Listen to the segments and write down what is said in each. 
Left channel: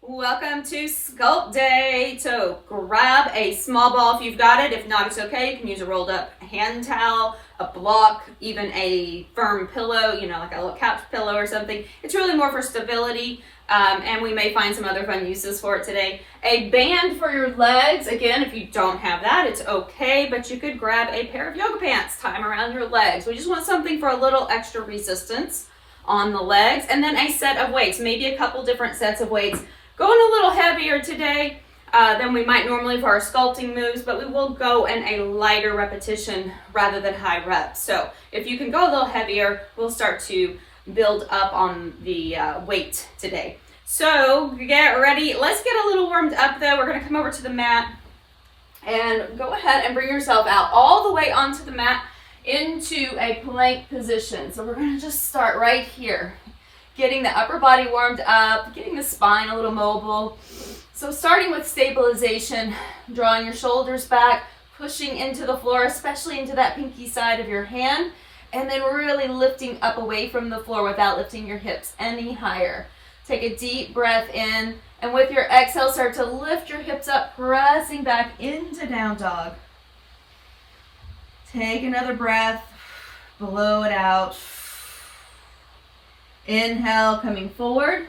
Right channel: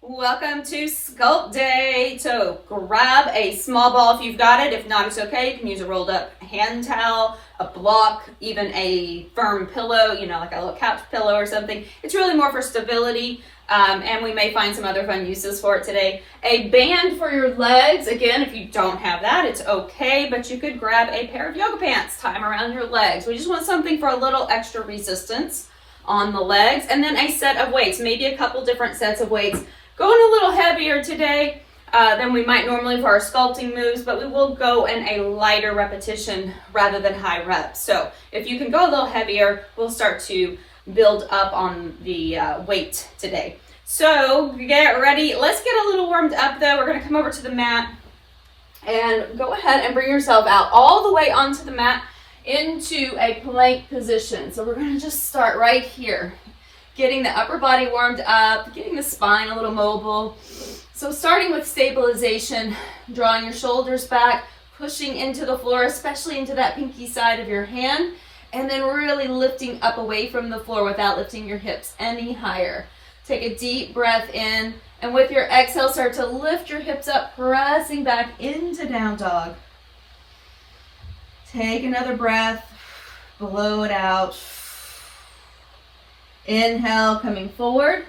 Welcome to Sculpt Day. So grab a small ball if you've got it. If not, it's okay. You can use a rolled up hand towel, a block, even a firm pillow, like a little couch pillow or something. It's really more for stability, and we may find some other fun uses for it today. A band for your legs. Again, if you don't have that, it's okay, but you could grab a pair of yoga pants, tie them around your legs. We just want something for a little extra resistance on the legs. And then a set of weights, maybe a couple different sets of weights. Going a little heavier today than we might normally for our sculpting moves, but we will go in a lighter repetition rather than high reps. So if you can go a little heavier, we'll start to build up on the weight today. So get ready. Let's get a little warmed up though. We're gonna come over to the mat and go ahead and bring yourself out all the way onto the mat into a plank position. So we're gonna just start right here. Getting the upper body warmed up, getting the spine a little mobile. So starting with stabilization, drawing your shoulders back, pushing into the floor, especially into that pinky side of your hand, and then really lifting up away from the floor without lifting your hips any higher. Take a deep breath in, and with your exhale, start to lift your hips up, pressing back into down dog. Take another breath, blow it out. Inhale, coming forward,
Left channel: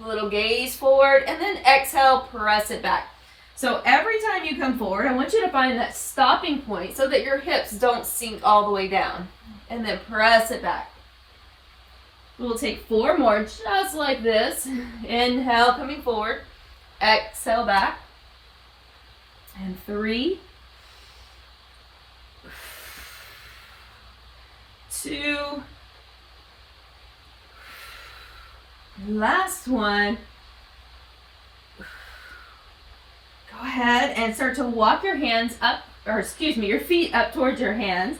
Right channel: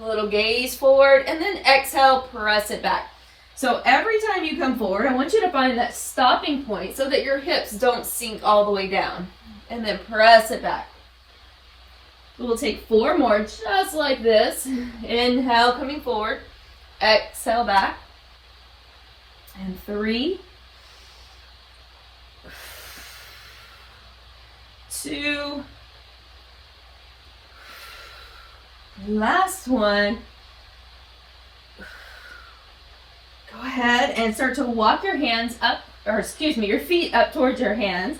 a little gaze forward, and then exhale, press it back. So every time you come forward, I want you to find that stopping point so that your hips don't sink all the way down. And then press it back. We'll take 4 more, just like this. Inhale, coming forward. Exhale back. And 3, 2, last one. Go ahead and start to walk your hands up, your feet up towards your hands,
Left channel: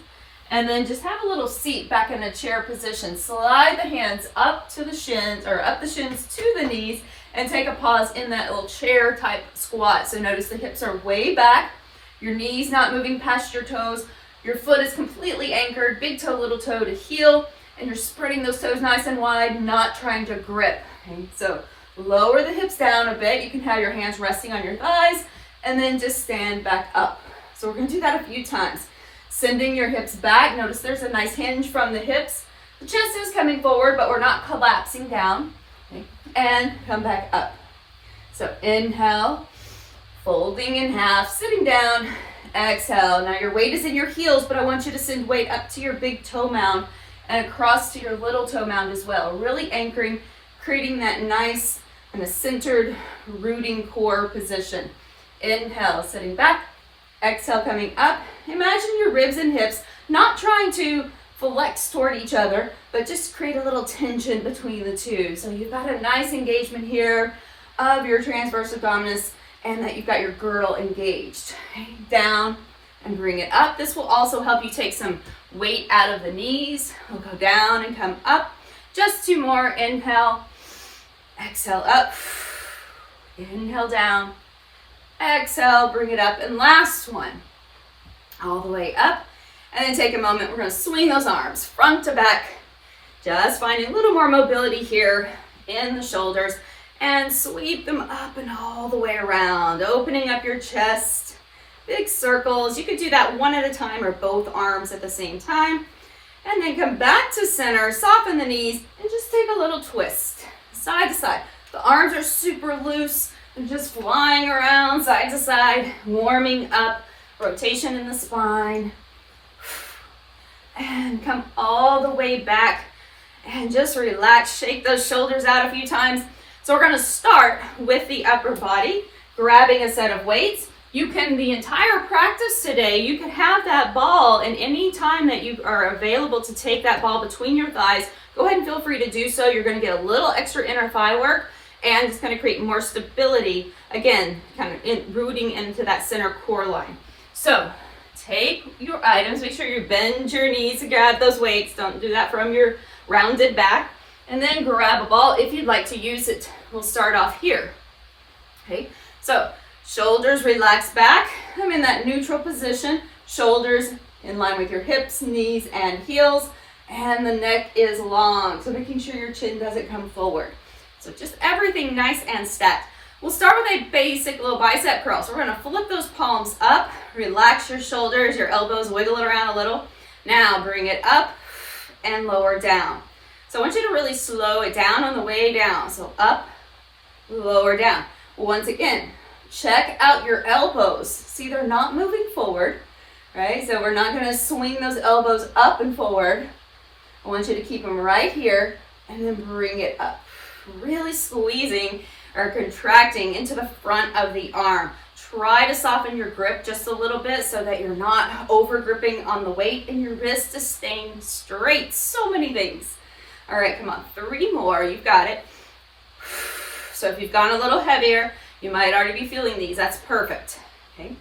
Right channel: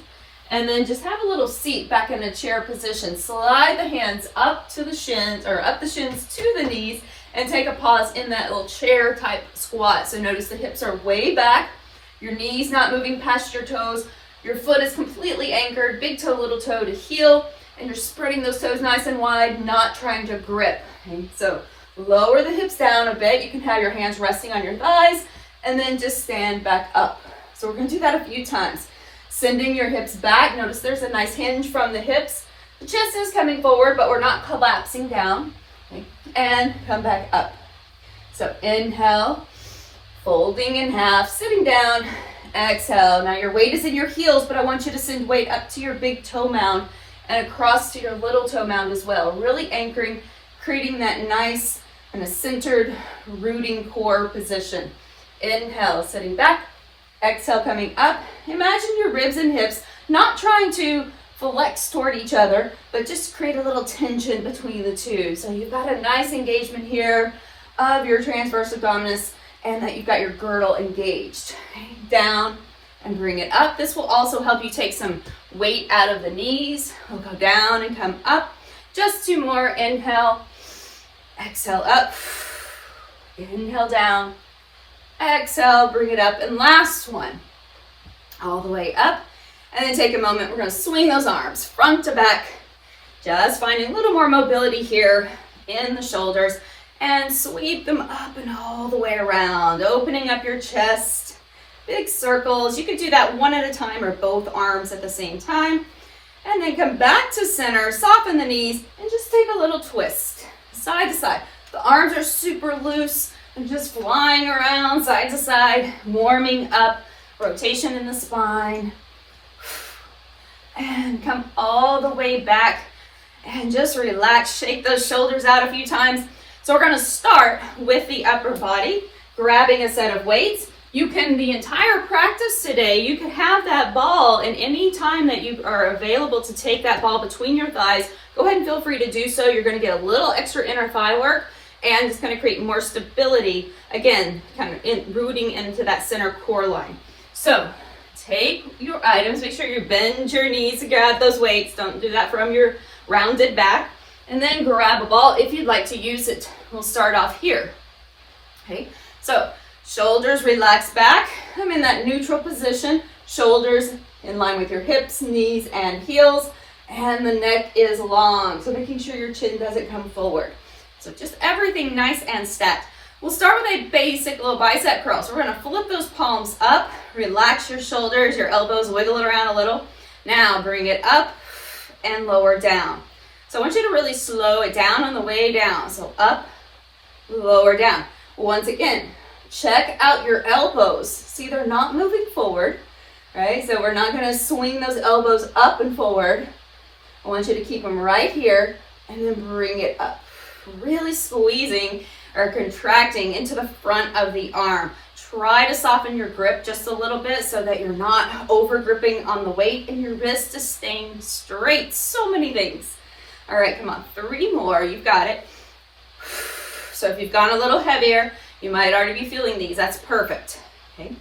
and then just have a little seat back in the chair position. Slide the hands up to the shins, or up the shins to the knees, and take a pause in that little chair type squat. So notice the hips are way back, your knees not moving past your toes, your foot is completely anchored, big toe, little toe to heel, and you're spreading those toes nice and wide, not trying to grip. Okay? So lower the hips down a bit. You can have your hands resting on your thighs, and then just stand back up. So we're gonna do that a few times. Sending your hips back. Notice there's a nice hinge from the hips. The chest is coming forward, but we're not collapsing down. Okay? And come back up. So inhale, folding in half, sitting down, exhale. Now your weight is in your heels, but I want you to send weight up to your big toe mound and across to your little toe mound as well. Really anchoring, creating that nice and a centered rooting core position. Inhale, sitting back. Exhale, coming up. Imagine your ribs and hips not trying to flex toward each other, but just create a little tension between the two. So you've got a nice engagement here of your transverse abdominis, and that you've got your girdle engaged. Down and bring it up. This will also help you take some weight out of the knees. We'll go down and come up. Just 2 more. Inhale, exhale up. Inhale down, exhale, bring it up. And last one, all the way up. And then take a moment. We're going to swing those arms front to back. Just finding a little more mobility here in the shoulders, and sweep them up and all the way around, opening up your chest. Big circles. You could do that one at a time or both arms at the same time. And then come back to center, soften the knees, and just take a little twist, side to side. The arms are super loose and just flying around side to side, warming up, rotation in the spine. And come all the way back and just relax, shake those shoulders out a few times. So we're gonna start with the upper body, grabbing a set of weights. You can, the entire practice today, you can have that ball, and any time that you are available to take that ball between your thighs, go ahead and feel free to do so. You're gonna get a little extra inner thigh work, and it's gonna create more stability, again, kind of rooting into that center core line. So take your items, make sure you bend your knees to grab those weights. Don't do that from your rounded back. And then grab a ball if you'd like to use it. We'll start off here. Okay, so shoulders relax back. I'm in that neutral position. Shoulders in line with your hips, knees, and heels. And the neck is long, so making sure your chin doesn't come forward. So just everything nice and stacked. We'll start with a basic little bicep curl. So we're gonna flip those palms up, relax your shoulders, your elbows, wiggle it around a little. Now bring it up and lower down. So I want you to really slow it down on the way down. So up, lower down. Once again, check out your elbows. See, they're not moving forward, right? So we're not gonna swing those elbows up and forward. I want you to keep them right here and then bring it up. Really squeezing or contracting into the front of the arm. Try to soften your grip just a little bit so that you're not over gripping on the weight and your wrist is staying straight. So many things. All right, come on, 3 more, you've got it. So if you've gone a little heavier, you might already be feeling these, that's perfect, okay?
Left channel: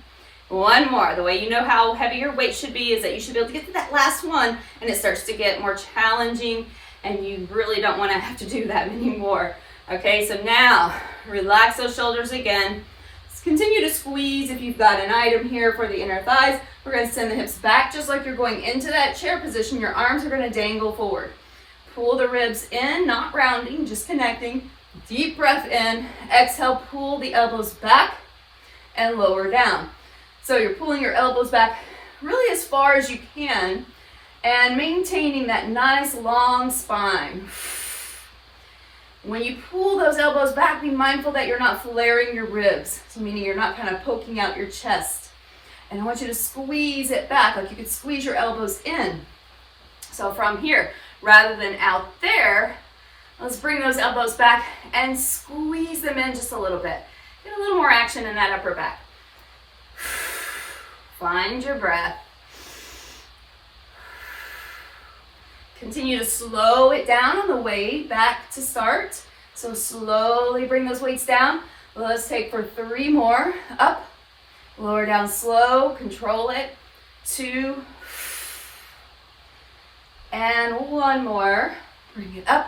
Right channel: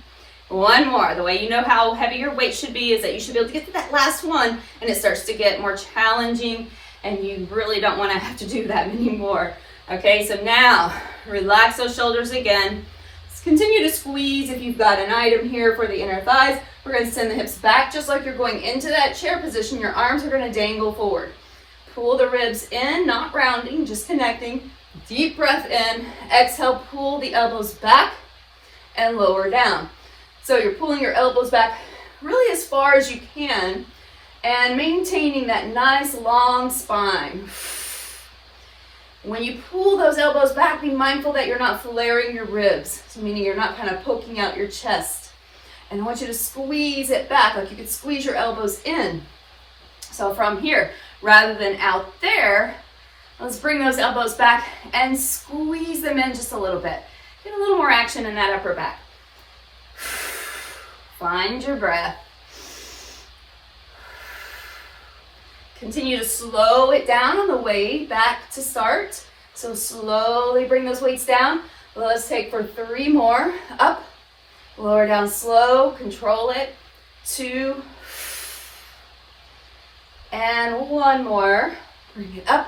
1 more. The way you know how heavy your weight should be is that you should be able to get to that last one and it starts to get more challenging and you really don't want to have to do that anymore. Okay, so now relax those shoulders again. Just continue to squeeze if you've got an item here for the inner thighs. We're going to send the hips back just like you're going into that chair position. Your arms are going to dangle forward. Pull the ribs in, not rounding, just connecting. Deep breath in. Exhale, pull the elbows back and lower down. So you're pulling your elbows back really as far as you can and maintaining that nice long spine. When you pull those elbows back, be mindful that you're not flaring your ribs, so meaning you're not kind of poking out your chest. And I want you to squeeze it back, like you could squeeze your elbows in. So from here, rather than out there, let's bring those elbows back and squeeze them in just a little bit. Get a little more action in that upper back. Find your breath. Continue to slow it down on the way back to start. So slowly bring those weights down. Let's take for 3 more. Up, lower down slow, control it. 2, and 1 more. Bring it up,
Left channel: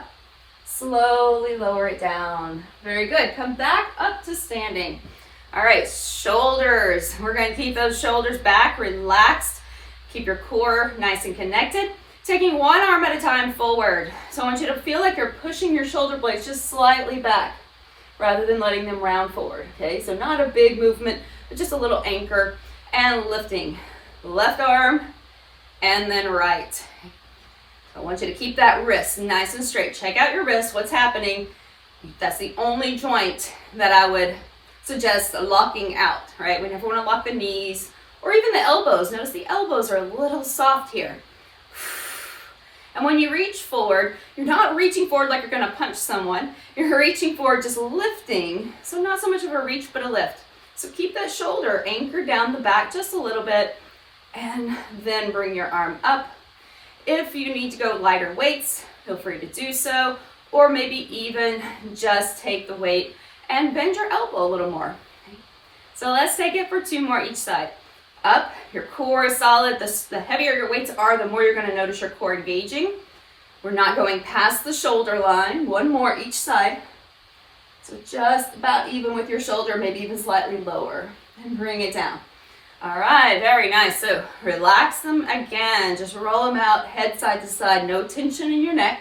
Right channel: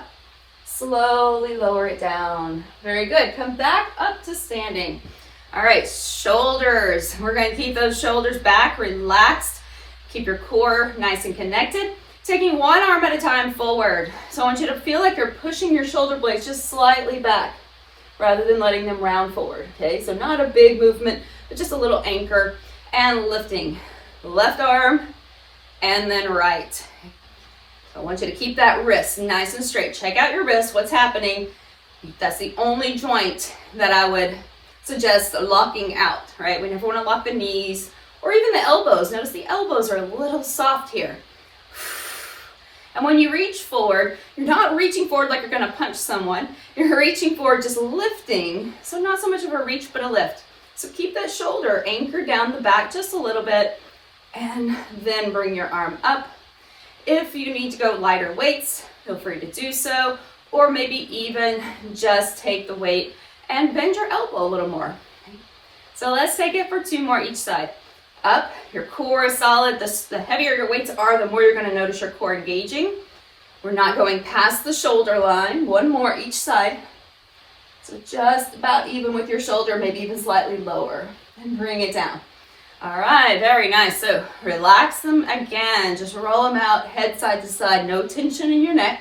slowly lower it down. Very good. Come back up to standing. All right, shoulders. We're going to keep those shoulders back, relaxed. Keep your core nice and connected. Taking 1 arm at a time forward. So I want you to feel like you're pushing your shoulder blades just slightly back rather than letting them round forward, okay? So not a big movement, but just a little anchor and lifting. Left arm and then right. So I want you to keep that wrist nice and straight. Check out your wrist, what's happening. That's the only joint that I would suggest locking out, right? We never want to lock the knees or even the elbows. Notice the elbows are a little soft here. And when you reach forward, you're not reaching forward like you're going to punch someone. You're reaching forward, just lifting. So not so much of a reach, but a lift. So keep that shoulder anchored down the back just a little bit, and then bring your arm up. If you need to go lighter weights, feel free to do so, or maybe even just take the weight and bend your elbow a little more. So let's take it for 2 more each side. Up, your core is solid. The heavier your weights are, the more you're going to notice your core engaging. We're not going past the shoulder line. 1 more each side. So just about even with your shoulder, maybe even slightly lower. And bring it down. All right, very nice. So relax them again. Just roll them out, head side to side. No tension in your neck.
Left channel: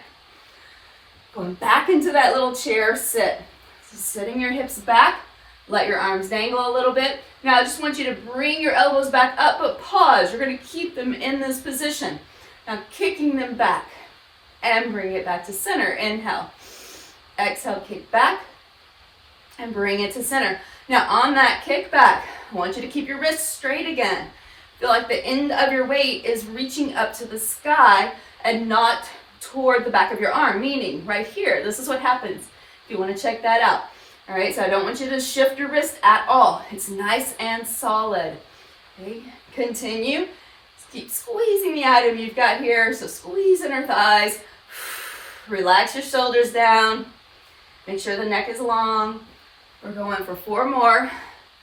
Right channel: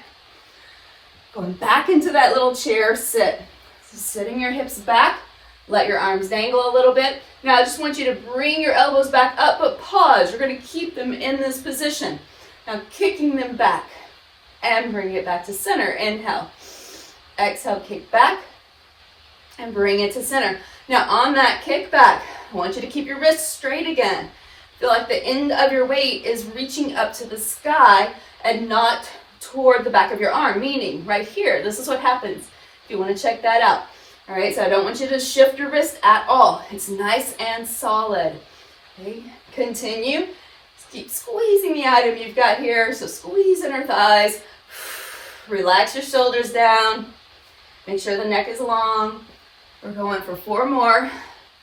Going back into that little chair sit. So sitting your hips back. Let your arms dangle a little bit. Now I just want you to bring your elbows back up, but pause. You're going to keep them in this position. Now kicking them back and bring it back to center. Inhale. Exhale, kick back and bring it to center. Now on that kick back, I want you to keep your wrists straight again. Feel like the end of your weight is reaching up to the sky and not toward the back of your arm, meaning right here. This is what happens if you want to check that out. All right, so I don't want you to shift your wrist at all. It's nice and solid. Okay, continue. Just keep squeezing the item you've got here. So squeeze inner thighs. Relax your shoulders down. Make sure the neck is long. We're going for 4 more.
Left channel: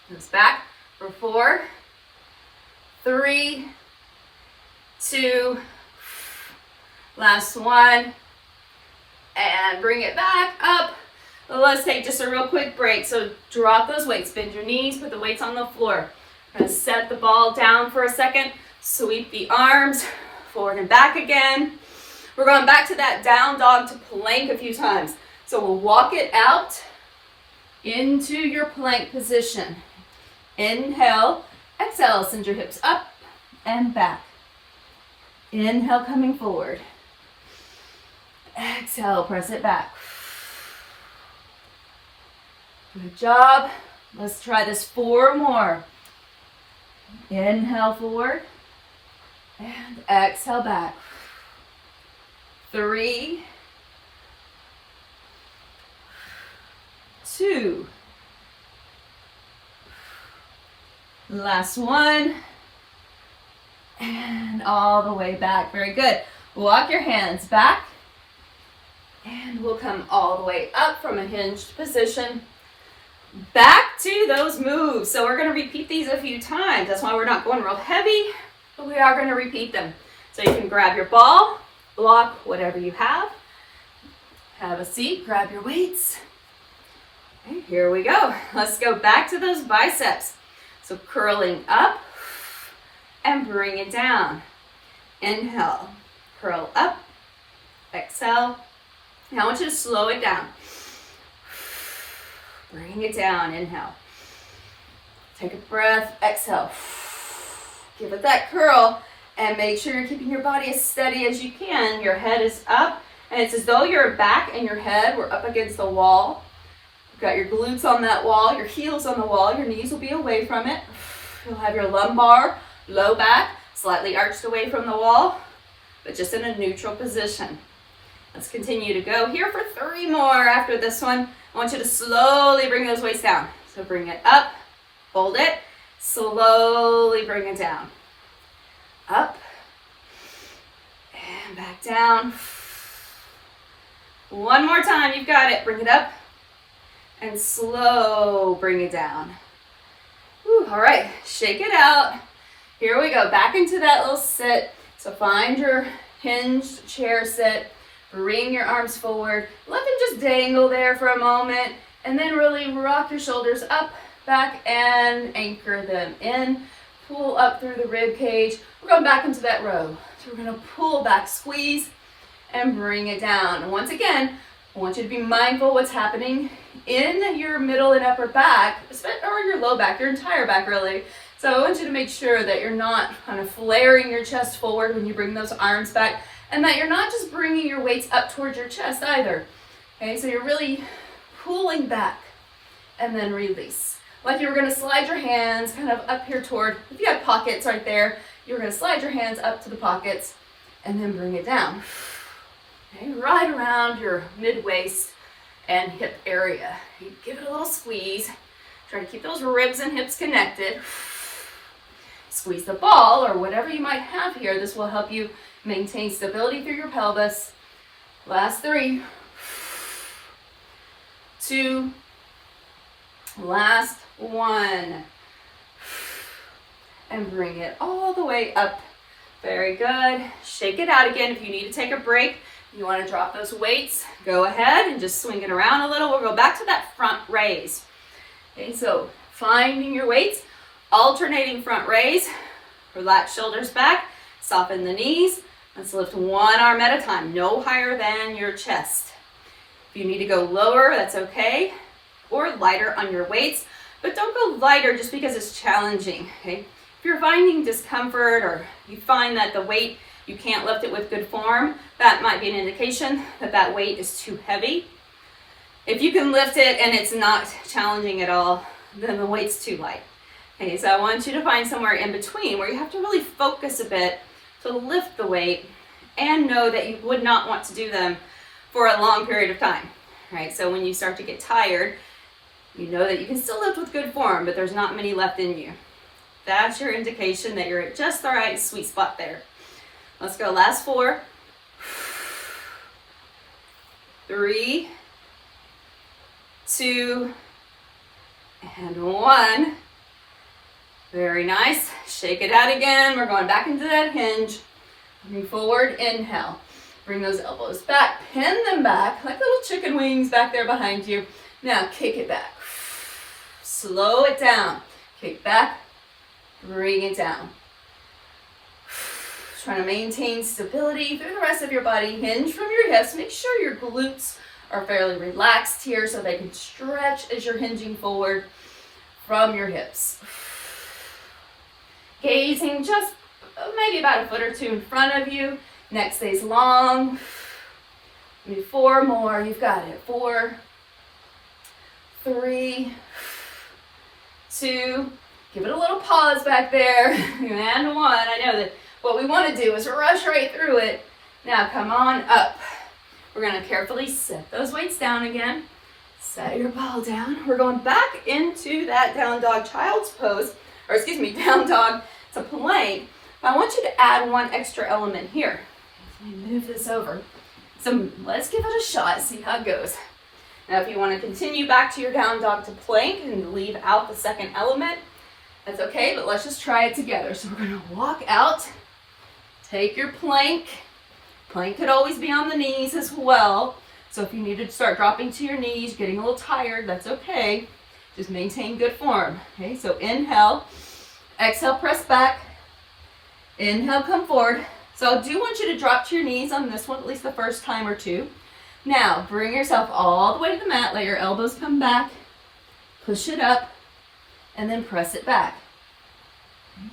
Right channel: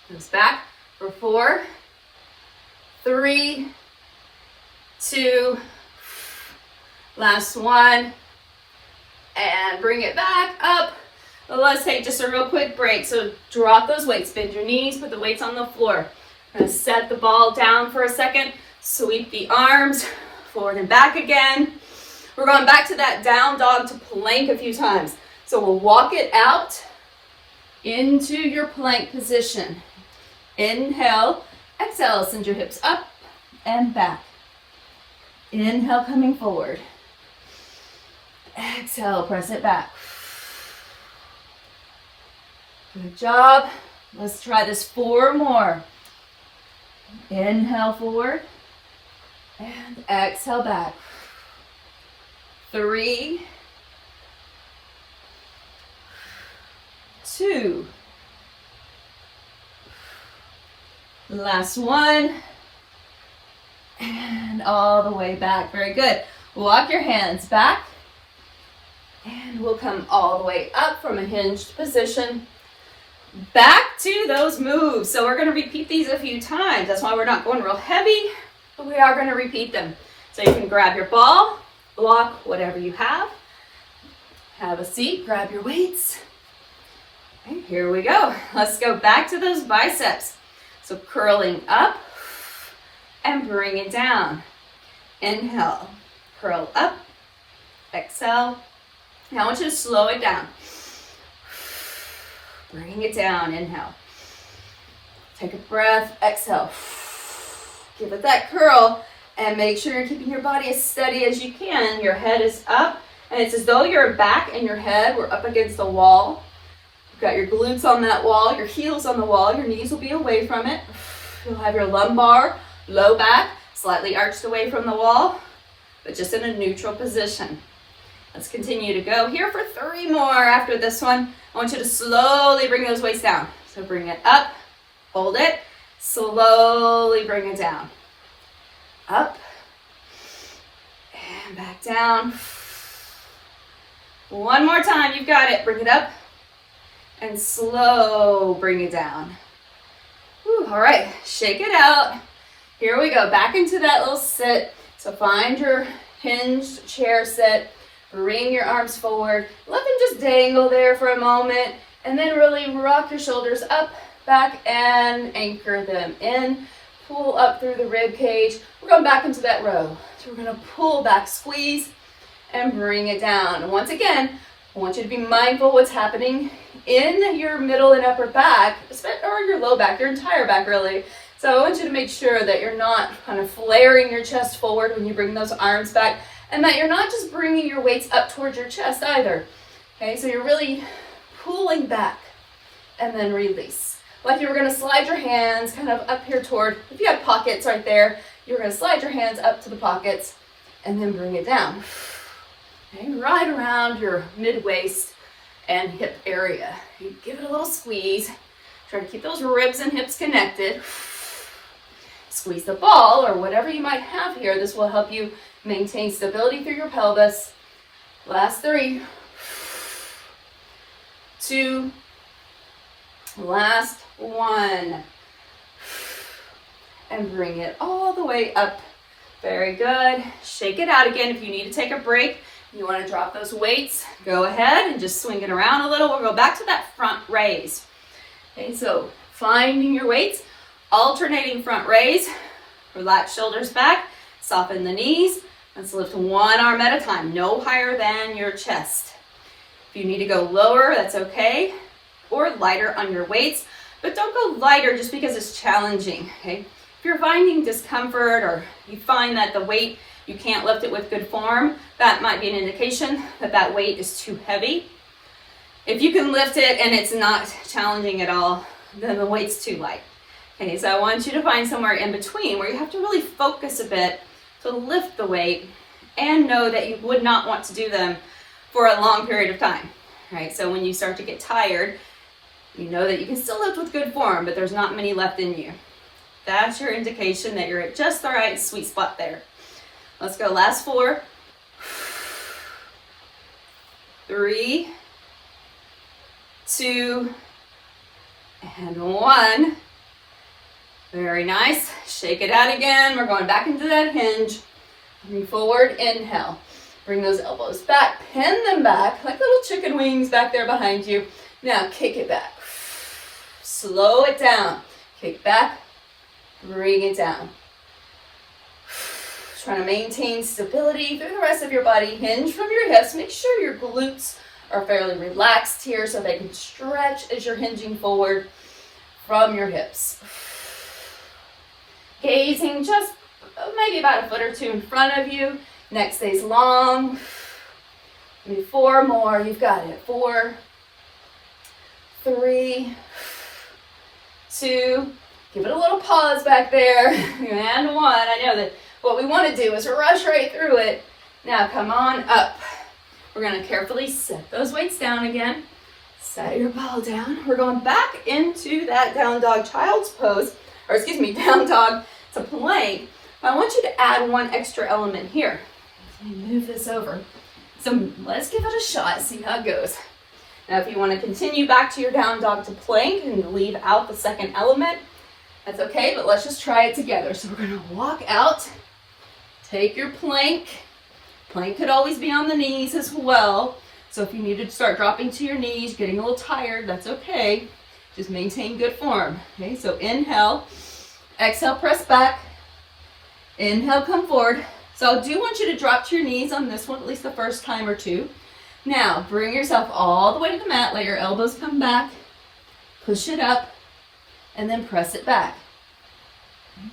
Goes back for 4, 3, 2, last one. And bring it back up. Let's take just a real quick break. So drop those weights, bend your knees, put the weights on the floor. We're going to set the ball down for a second. Sweep the arms forward and back again. We're going back to that down dog to plank a few times. So we'll walk it out into your plank position. Inhale, exhale, send your hips up and back. Inhale, coming forward. Exhale, press it back. Good job. Let's try this 4 more. Inhale forward and exhale back. 3, 2. Last one. And all the way back. Very good. Walk your hands back. And we'll come all the way up from a hinged position. Back to those moves. So we're going to repeat these a few times. That's why we're not going real heavy, but we are going to repeat them. So you can grab your ball, block, whatever you have. Have a seat, grab your weights. Okay, here we go. Let's go back to those biceps. So curling up and bring it down. Inhale, curl up, exhale. Now I want you to slow it down. Bring it down, inhale. Take a breath, exhale. Give it that curl and make sure you're keeping your body as steady as you can. Your head is up and it's as though your back and your head were up against the wall. You've got your glutes on that wall, your heels on the wall, your knees will be away from it. You'll have your lumbar, low back, slightly arched away from the wall, but just in a neutral position. Let's continue to go here for 3 more after this one. I want you to slowly bring those weights down. So bring it up, hold it, slowly bring it down. Up, and back down. One more time, you've got it. Bring it up, and slow bring it down. Whew, all right, shake it out. Here we go, back into that little sit. So find your hinged chair sit. Bring your arms forward. Let them just dangle there for a moment. And then really rock your shoulders up, back, and anchor them in. Pull up through the rib cage. We're going back into that row. So we're going to pull back, squeeze, and bring it down. And once again, I want you to be mindful what's happening in your middle and upper back, or your low back, your entire back really. So I want you to make sure that you're not kind of flaring your chest forward when you bring those arms back, and that you're not just bringing your weights up towards your chest either. Okay, so you're really pulling back and then release. Like you were going to slide your hands kind of up here toward, if you have pockets right there, you're going to slide your hands up to the pockets and then bring it down. Okay, right around your mid-waist and hip area. You give it a little squeeze. Try to keep those ribs and hips connected. Squeeze the ball or whatever you might have here. This will help you maintain stability through your pelvis. Last 3, 2, last 1. And bring it all the way up. Very good. Shake it out again. If you need to take a break, you want to drop those weights, go ahead and just swing it around a little. We'll go back to that front raise. Okay, so finding your weights, alternating front raise, relax shoulders back, soften the knees. Let's lift one arm at a time, no higher than your chest. If you need to go lower, that's okay, or lighter on your weights, but don't go lighter just because it's challenging, okay? If you're finding discomfort or you find that the weight, you can't lift it with good form, that might be an indication that that weight is too heavy. If you can lift it and it's not challenging at all, then the weight's too light. Okay, so I want you to find somewhere in between where you have to really focus a bit to lift the weight and know that you would not want to do them for a long period of time, right? So when you start to get tired, you know that you can still lift with good form, but there's not many left in you. That's your indication that you're at just the right sweet spot there. Let's go, last 4, 3, 2, and 1. Very nice. Shake it out again. We're going back into that hinge. Moving forward, inhale. Bring those elbows back, pin them back like little chicken wings back there behind you. Now kick it back. Slow it down. Kick back, bring it down. Trying to maintain stability through the rest of your body. Hinge from your hips. Make sure your glutes are fairly relaxed here so they can stretch as you're hinging forward from your hips. Gazing just maybe about a foot or two in front of you. Neck stays long. Maybe 4 more. You've got it. 4, 3, 2. Give it a little pause back there. And 1. I know that what we want to do is rush right through it. Now come on up. We're going to carefully set those weights down again. Set your ball down. We're going back into that down dog child's pose, or excuse me, down dog to plank. I want you to add one extra element here. Let me move this over. So let's give it a shot, see how it goes. Now if you want to continue back to your down dog to plank and leave out the second element, that's okay, but let's just try it together. So we're going to walk out, take your plank. Plank could always be on the knees as well. So if you need to start dropping to your knees, getting a little tired, that's okay. Just maintain good form. Okay, so inhale, exhale, press back. Inhale, come forward. So I do want you to drop to your knees on this one, at least the first time or two. Now, bring yourself all the way to the mat. Let your elbows come back. Push it up, and then press it back.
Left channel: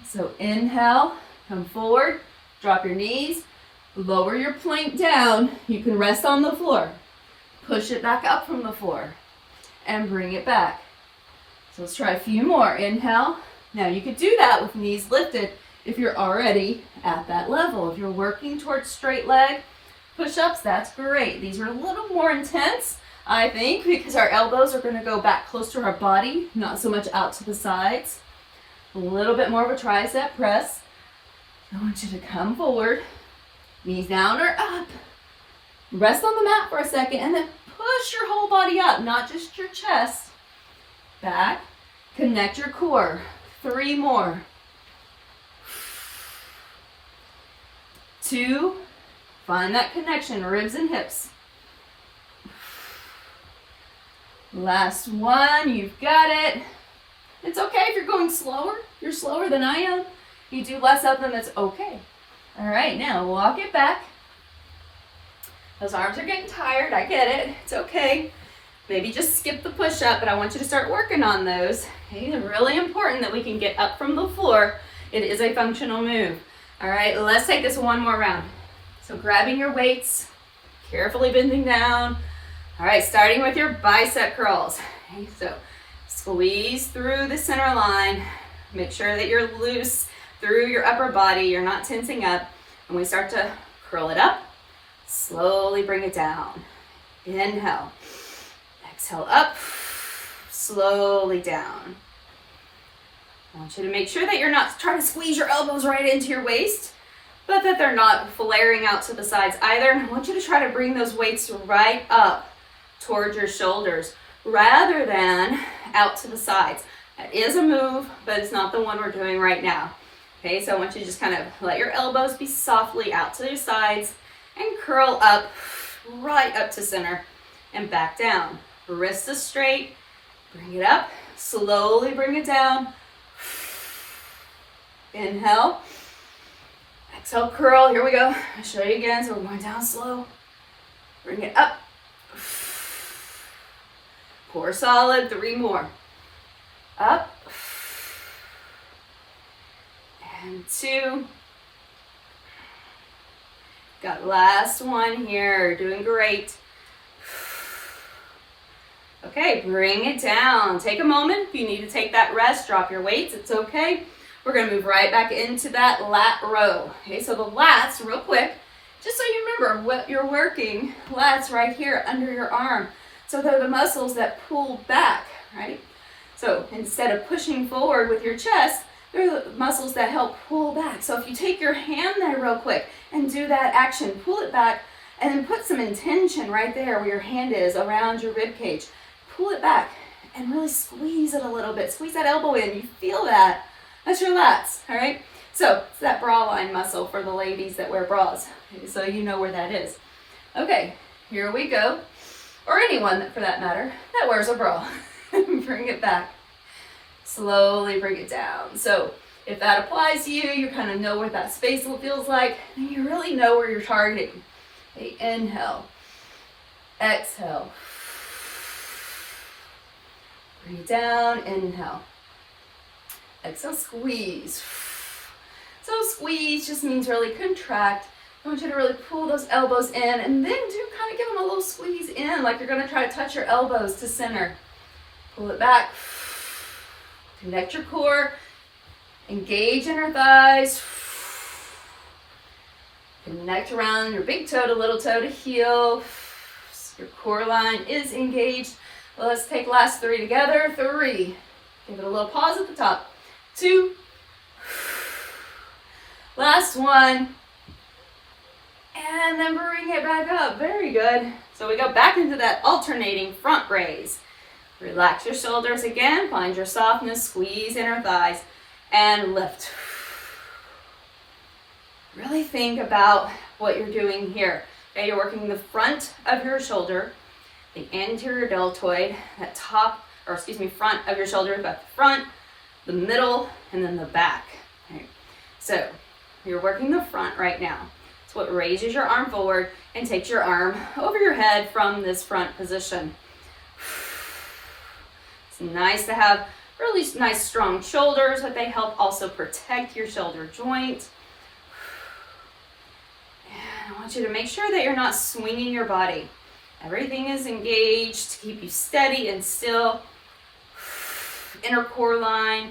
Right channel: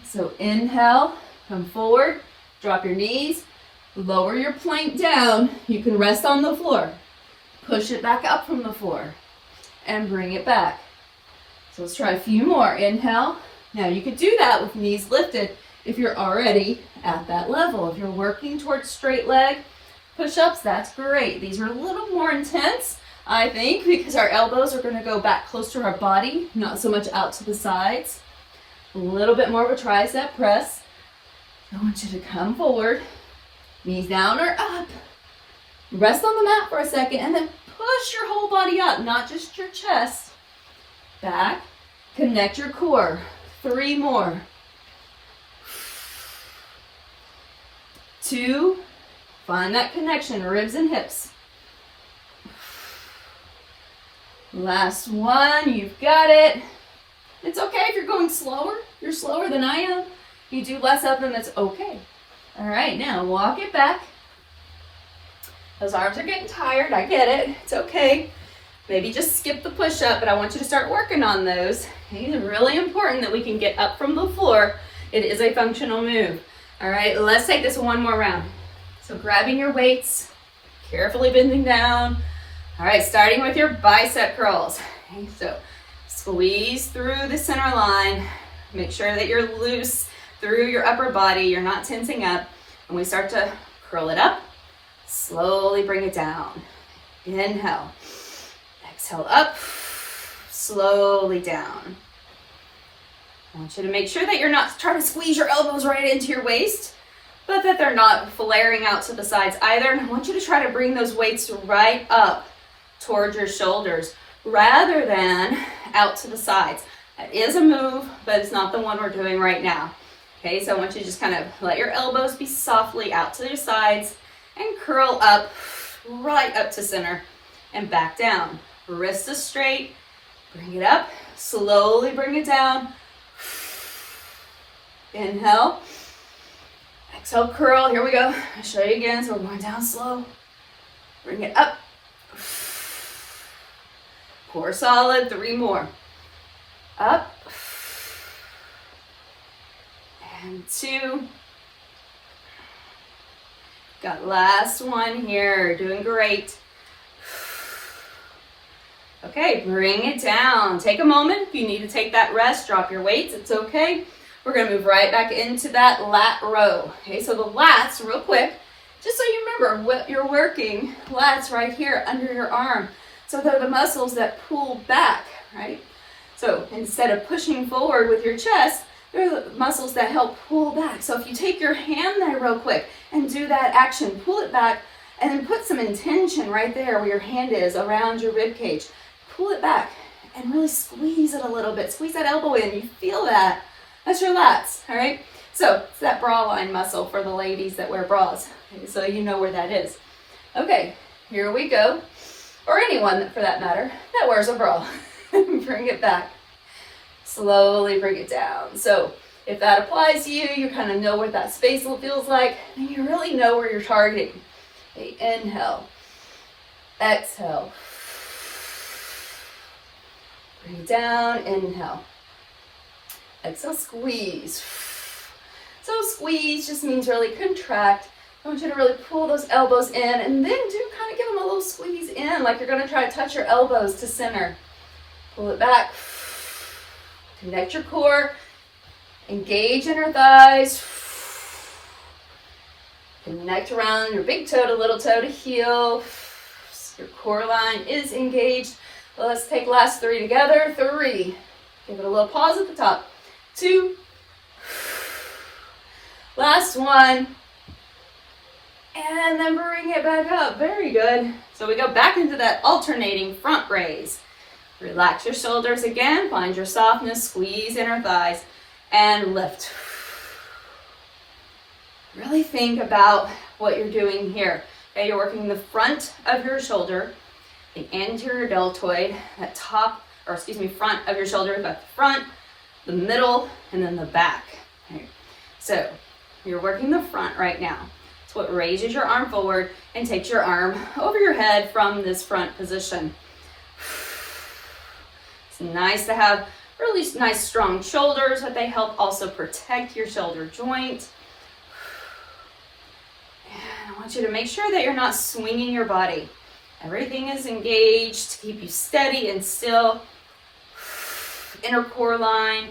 So inhale, come forward, drop your knees, lower your plank down. You can rest on the floor. Push it back up from the floor, and bring it back. So let's try a few more. Inhale. Now you could do that with knees lifted if you're already at that level. If you're working towards straight leg push-ups, that's great. These are a little more intense, I think, because our elbows are going to go back close to our body, not so much out to the sides. A little bit more of a tricep press. I want you to come forward, knees down or up. Rest on the mat for a second and then push your whole body up, not just your chest. Back, connect your core. 3 more. 2, find that connection, ribs and hips. Last one, you've got it. It's okay if you're going slower. You're slower than I am. You do less of them, that's okay. All right, now walk it back. Those arms are getting tired, I get it, it's okay. Maybe just skip the push-up, but I want you to start working on those. Okay, it's really important that we can get up from the floor. It is a functional move. All right, let's take this one more round. So grabbing your weights, carefully bending down. All right, starting with your bicep curls. Okay, so squeeze through the center line. Make sure that you're loose through your upper body. You're not tensing up. And we start to curl it up. Slowly bring it down. Inhale. Exhale up. Slowly down. I want you to make sure that you're not trying to squeeze your elbows right into your waist, but that they're not flaring out to the sides either. And I want you to try to bring those weights right up towards your shoulders rather than out to the sides. That is a move, but it's not the one we're doing right now. Okay, so I want you to just kind of let your elbows be softly out to their sides and curl up right up to center and back down. Wrist is straight, bring it up, slowly bring it down. Inhale, exhale, curl, here we go. I'll show you again, so we're going down slow. Bring it up. Core solid, 3 more. Up. And 2. Got last one here, doing great. Okay, bring it down. Take a moment. If you need to take that rest, drop your weights, it's okay. We're gonna move right back into that lat row. Okay, so the lats, real quick, just so you remember what you're working, lats right here under your arm. So they're the muscles that pull back, right? So instead of pushing forward with your chest, they're the muscles that help pull back. So if you take your hand there real quick and do that action, pull it back and then put some intention right there where your hand is around your rib cage. Pull it back and really squeeze it a little bit. Squeeze that elbow in, you feel that. That's your lats, all right? So it's that bra line muscle for the ladies that wear bras. Okay, so you know where that is. Okay, here we go. Or anyone for that matter that wears a bra. Bring it back. Slowly bring it down. So if that applies to you, you kind of know what that space feels like, and you really know where you're targeting. Okay, inhale. Exhale. Breathe down, inhale. Exhale, squeeze. So squeeze just means really contract. I want you to really pull those elbows in and then do kind of give them a little squeeze in like you're going to try to touch your elbows to center. Pull it back. Connect your core. Engage inner thighs. Connect around your big toe to little toe to heel. Your core line is engaged. Let's take last 3 together. 3. Give it a little pause at the top. 2. Last 1. And then bring it back up. Very good. So we go back into that alternating front raise. Relax your shoulders again. Find your softness. Squeeze inner thighs. And lift. Really think about what you're doing here. Okay, you're working the front of your shoulder, the anterior deltoid, that front of your shoulder, back the front, the middle, and then the back. Okay. So you're working the front right now. It's what raises your arm forward and takes your arm over your head from this front position. It's nice to have really nice strong shoulders, but they help also protect your shoulder joint. And I want you to make sure that you're not swinging your body. Everything is engaged to keep you steady and still. Inner core line,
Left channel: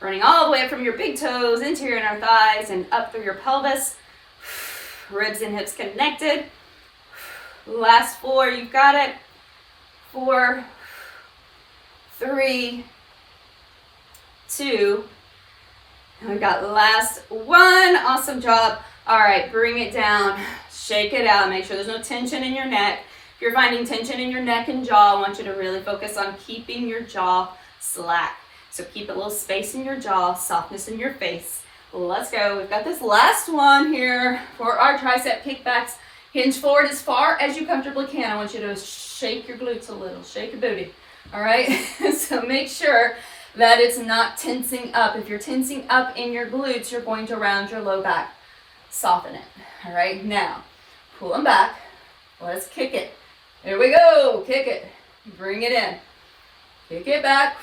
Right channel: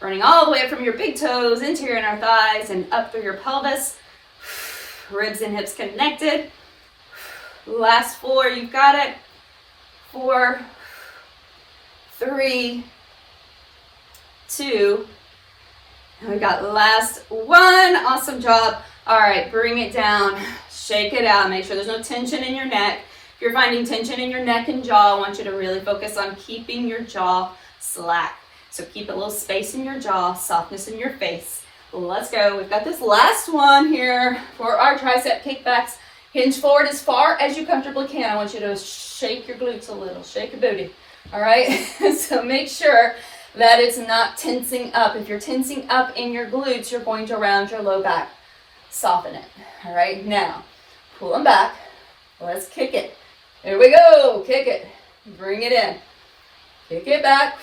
running all the way from your big toes into your inner thighs and up through your pelvis. Ribs and hips connected. Last 4, you've got it. 4, 3, 2, and we got last 1. Awesome job. All right, bring it down. Shake it out. Make sure there's no tension in your neck. If you're finding tension in your neck and jaw, I want you to really focus on keeping your jaw slack. So keep a little space in your jaw, softness in your face. Let's go. We've got this last one here for our tricep kickbacks. Hinge forward as far as you comfortably can. I want you to shake your glutes a little, shake your booty. All right, so make sure that it's not tensing up. If you're tensing up in your glutes, you're going to round your low back. Soften it. All right, now pull them back. Let's kick it. Here we go. Kick it. Bring it in. Kick it back.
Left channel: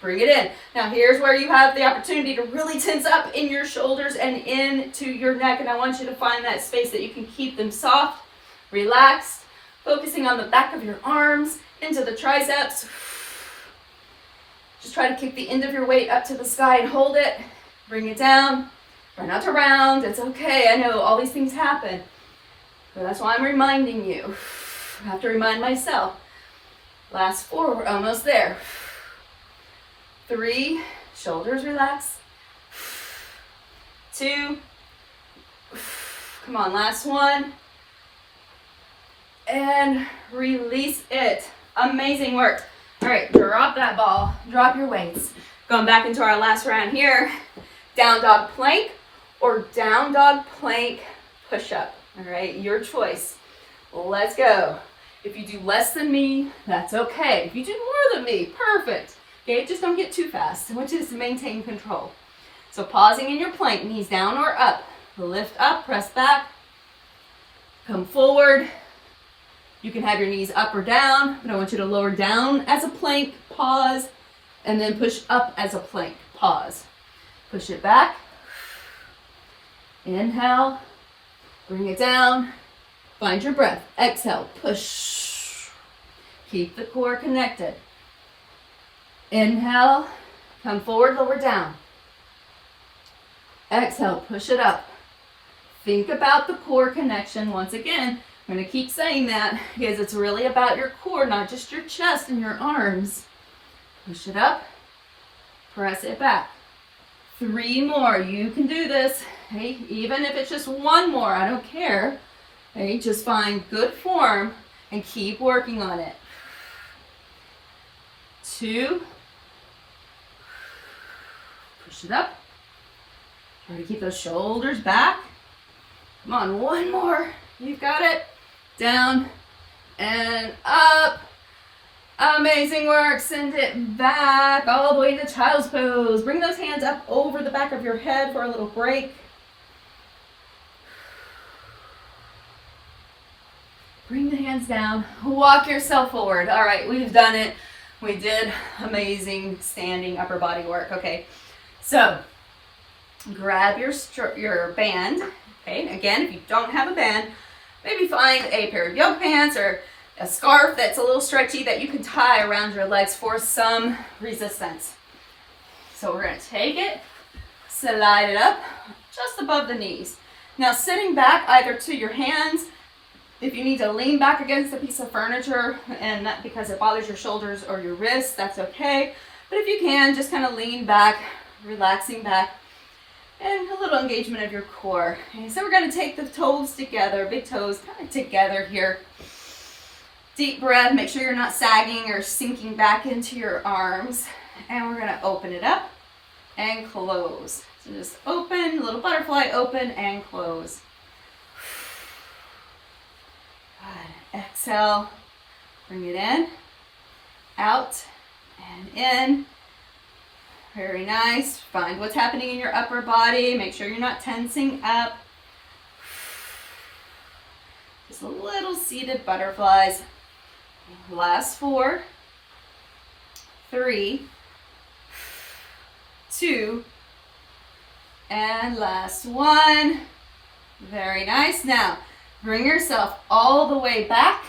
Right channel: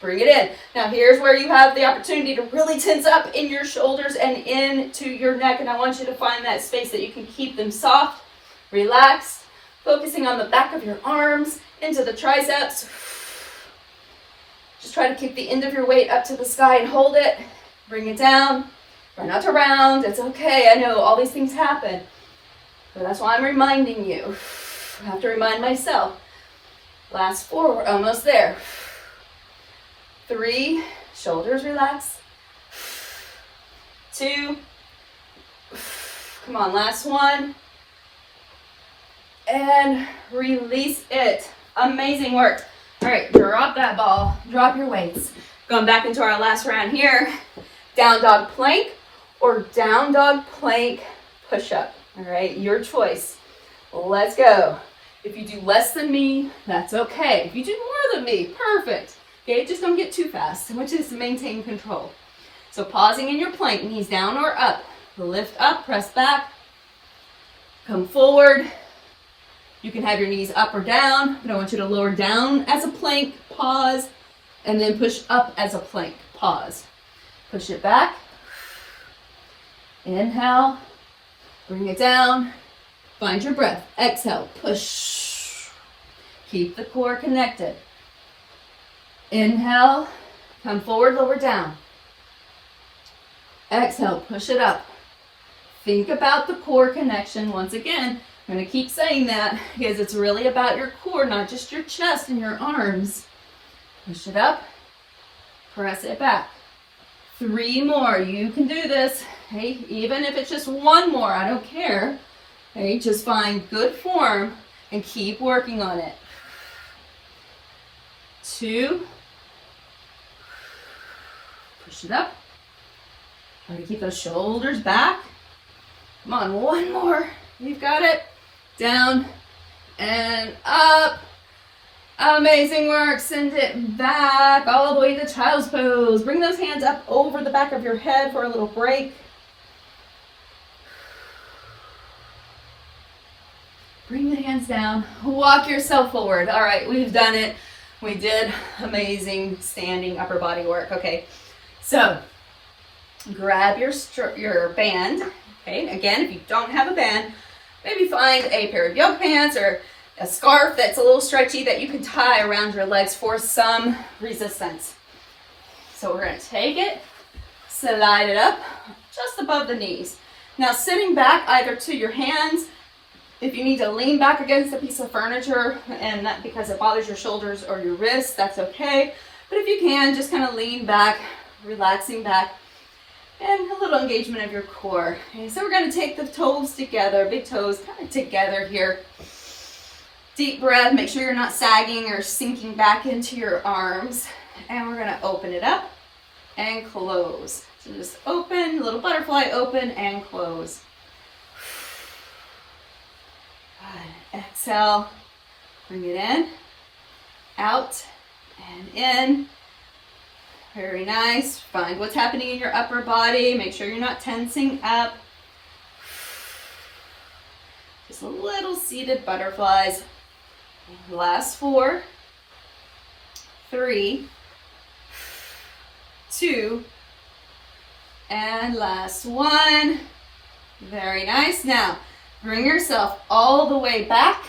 Bring it in. Now here's where you have the opportunity to really tense up in your shoulders and into your neck. And I want you to find that space that you can keep them soft, relaxed, focusing on the back of your arms, into the triceps. Just try to keep the end of your weight up to the sky and hold it. Bring it down. Try not to round. It's okay. I know all these things happen. But that's why I'm reminding you. I have to remind myself. Last 4, we're almost there. 3, shoulders relax. 2, come on, last 1. And release it. Amazing work. All right, drop that ball, drop your weights. Going back into our last round here. Down dog plank or down dog plank push-up. All right, your choice. Let's go. If you do less than me, that's okay. If you do more than me, perfect. Okay, just don't get too fast. I want you to maintain control. So pausing in your plank, knees down or up. Lift up, press back. Come forward. You can have your knees up or down, but I want you to lower down as a plank, pause, and then push up as a plank, pause. Push it back. Inhale. Bring it down. Find your breath. Exhale. Push. Keep the core connected. Inhale. Come forward, lower down. Exhale. Push it up. Think about the core connection. Once again, I'm going to keep saying that because it's really about your core, not just your chest and your arms. Push it up. Press it back. 3 more. You can do this. Hey, even if it's just 1 more, I don't care. Okay, just find good form and keep working on it. 2. Push it up. Try to keep those shoulders back. Come on, 1 more. You've got it. Down and up. Amazing work. Send it back all the way to child's pose. Bring those hands up over the back of your head for a little break. Bring the hands down, walk yourself forward. All right, we've done it. We did amazing standing upper body work. Okay, so grab your band. Okay, again, if you don't have a band, maybe find a pair of yoga pants or a scarf that's a little stretchy that you can tie around your legs for some resistance. So we're going to take it, slide it up just above the knees. Now sitting back either to your hands, if you need to lean back against a piece of furniture and not because it bothers your shoulders or your wrists, that's okay. But if you can, just kind of lean back, relaxing back, and a little engagement of your core. Okay, so we're going to take the toes together, big toes kind of together here. Deep breath, make sure you're not sagging or sinking back into your arms. And we're going to open it up and close. So just open, little butterfly, open and close. Good. Exhale, bring it in, out and in. Very nice. Find what's happening in your upper body. Make sure you're not tensing up. Just a little seated butterflies. Last 4, 3, 2, and last 1. Very nice. Now, bring yourself all the way back.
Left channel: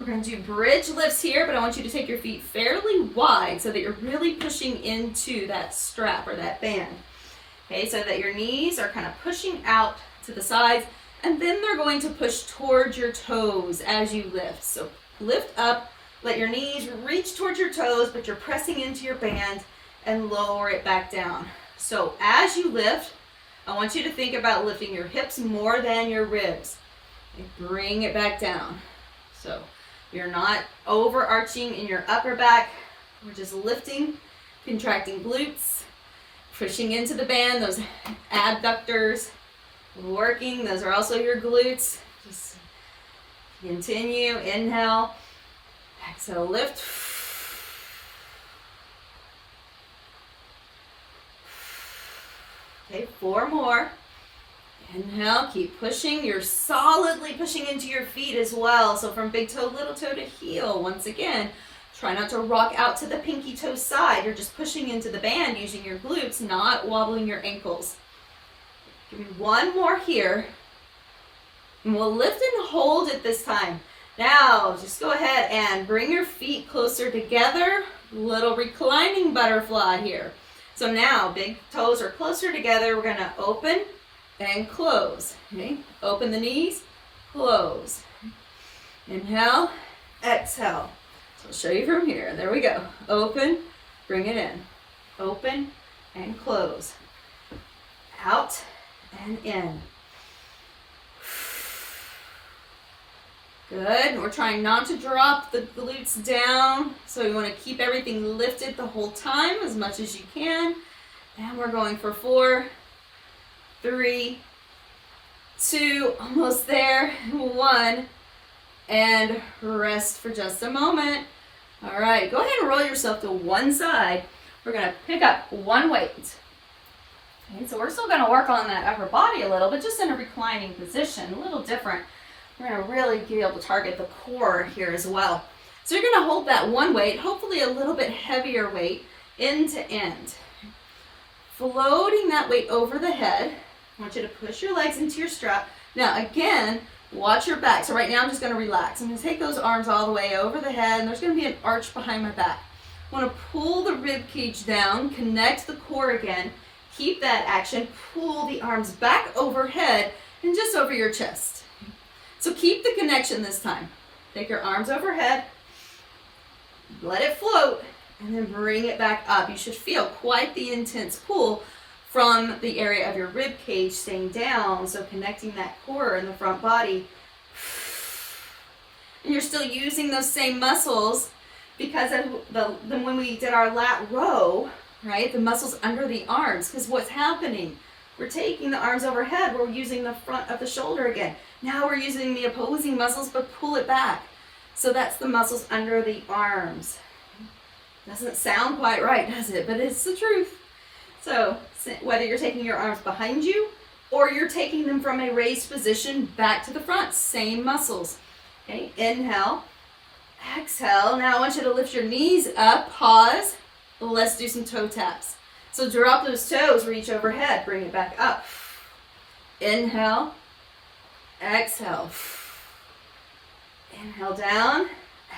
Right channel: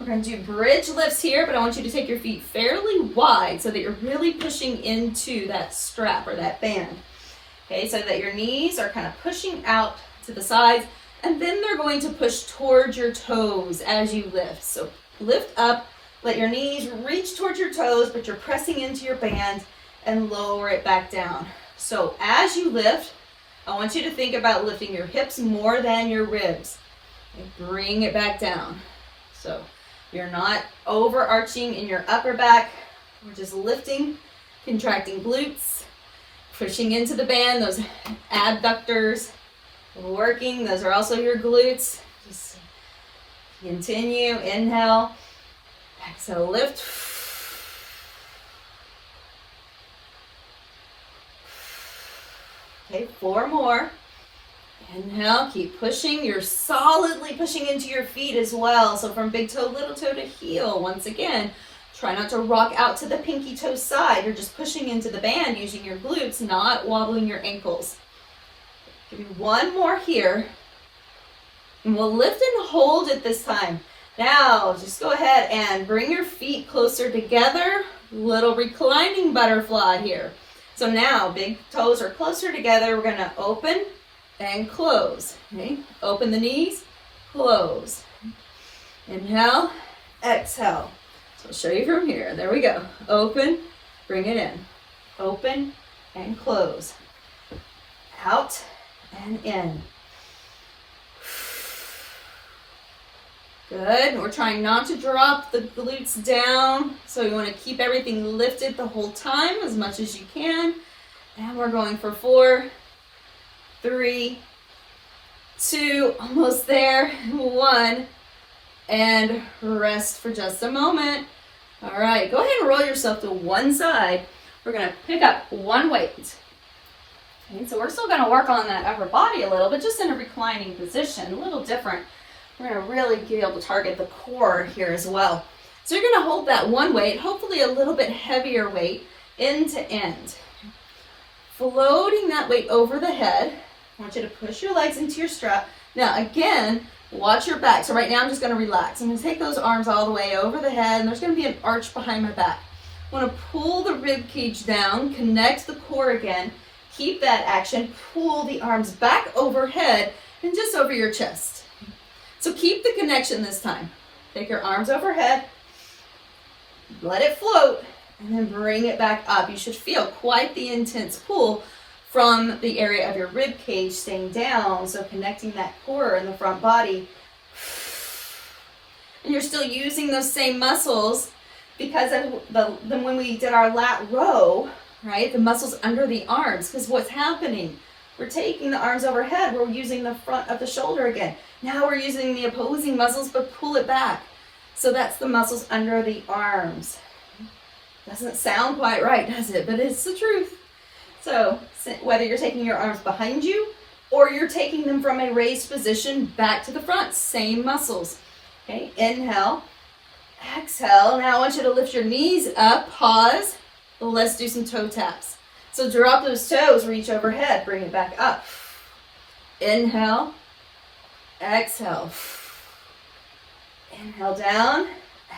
We're going to do bridge lifts here, but I want you to take your feet fairly wide so that you're really pushing into that strap or that band. Okay, so that your knees are kind of pushing out to the sides, and then they're going to push towards your toes as you lift. So lift up, let your knees reach towards your toes, but you're pressing into your band and lower it back down. So as you lift, I want you to think about lifting your hips more than your ribs. And bring it back down. So you're not overarching in your upper back. We're just lifting, contracting glutes, pushing into the band, those abductors working. Those are also your glutes. Just continue, inhale, exhale, lift. Okay, 4 more. Inhale, keep pushing. You're solidly pushing into your feet as well. So from big toe, little toe to heel. Once again, try not to rock out to the pinky toe side. You're just pushing into the band using your glutes, not wobbling your ankles. Give me 1 more here. And we'll lift and hold it this time. Now, just go ahead and bring your feet closer together. Little reclining butterfly here. So now, big toes are closer together. We're going to open and close. Okay? Open the knees, close. Inhale, exhale. So I'll show you from here. There we go. Open, bring it in. Open and close. Out and in. Good. We're trying not to drop the glutes down. So you want to keep everything lifted the whole time as much as you can. And we're going for 4, 3, 2, almost there, 1, and rest for just a moment. All right, go ahead and roll yourself to one side. We're going to pick up 1 weight. Okay, so we're still going to work on that upper body a little, but just in a reclining position, a little different. We're going to really be able to target the core here as well. So you're going to hold that 1 weight, hopefully a little bit heavier weight, end to end. Floating that weight over the head. I want you to push your legs into your strap. Now again, watch your back. So right now I'm just going to relax. I'm going to take those arms all the way over the head, and there's going to be an arch behind my back. I want to pull the rib cage down, connect the core again, keep that action, pull the arms back overhead and just over your chest. So keep the connection this time. Take your arms overhead, let it float, and then bring it back up. You should feel quite the intense pull from the area of your rib cage staying down, so connecting that core in the front body. And you're still using those same muscles because of when we did our lat row, right? The muscles under the arms, because what's happening? We're taking the arms overhead, we're using the front of the shoulder again. Now we're using the opposing muscles, but pull it back. So that's the muscles under the arms. Doesn't sound quite right, does it? But it's the truth. So whether you're taking your arms behind you or you're taking them from a raised position back to the front, same muscles. Okay, inhale, exhale. Now I want you to lift your knees up, pause. Let's do some toe taps. So drop those toes, reach overhead, bring it back up. Inhale, exhale. Inhale down,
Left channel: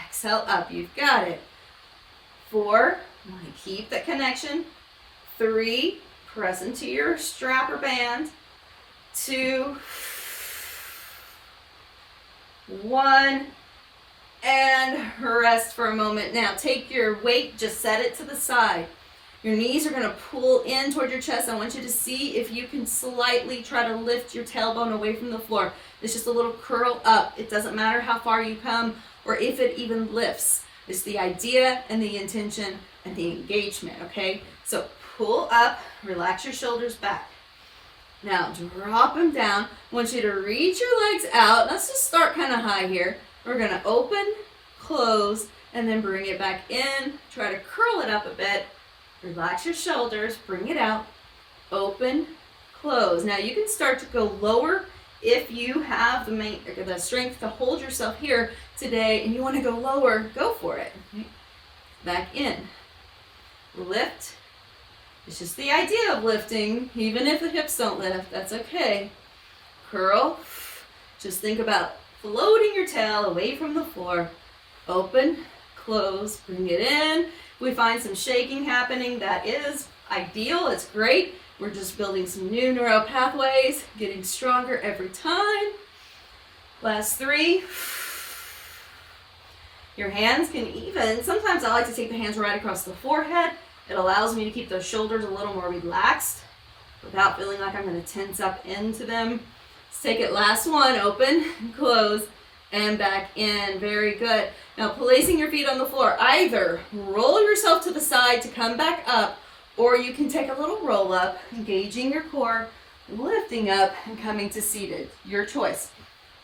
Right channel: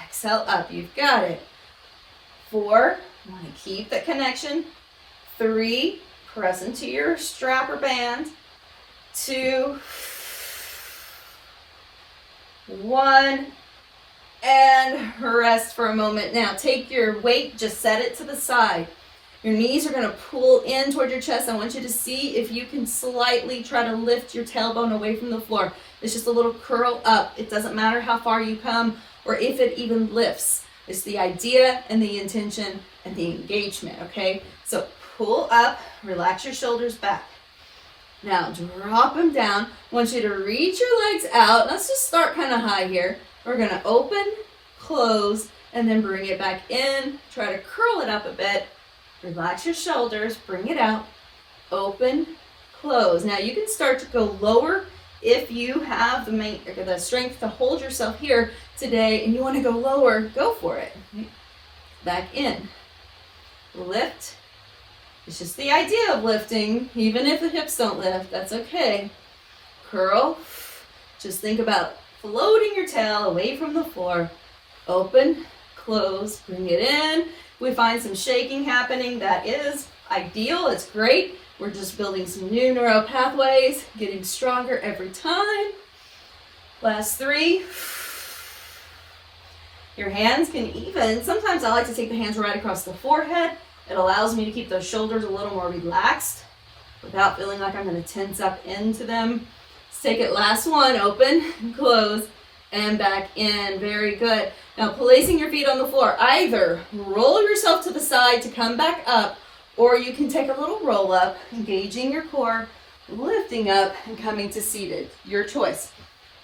exhale up. You've got it. 4, you want to keep the connection. 3, press into your strap or band. 2, 1, and rest for a moment. Now take your weight, just set it to the side. Your knees are going to pull in toward your chest. I want you to see if you can slightly try to lift your tailbone away from the floor. It's just a little curl up. It doesn't matter how far you come or if it even lifts. It's the idea and the intention and the engagement, okay? So pull up, relax your shoulders back. Now drop them down. I want you to reach your legs out. Let's just start kind of high here. We're going to open, close, and then bring it back in. Try to curl it up a bit. Relax your shoulders, bring it out, open, close. Now you can start to go lower if you have the strength to hold yourself here today and you want to go lower, go for it. Back in, lift. It's just the idea of lifting, even if the hips don't lift, that's okay. Curl, just think about floating your tail away from the floor. Open, close, bring it in. We find some shaking happening, that is ideal, it's great. We're just building some new neural pathways, getting stronger every time. Last 3. Your hands can even, sometimes I like to take the hands right across the forehead. It allows me to keep those shoulders a little more relaxed without feeling like I'm going to tense up into them. Let's take it, last one, open, close, and back in. Very good. Now placing your feet on the floor, either roll yourself to the side to come back up, or you can take a little roll up, engaging your core, lifting up and coming to seated. Your choice.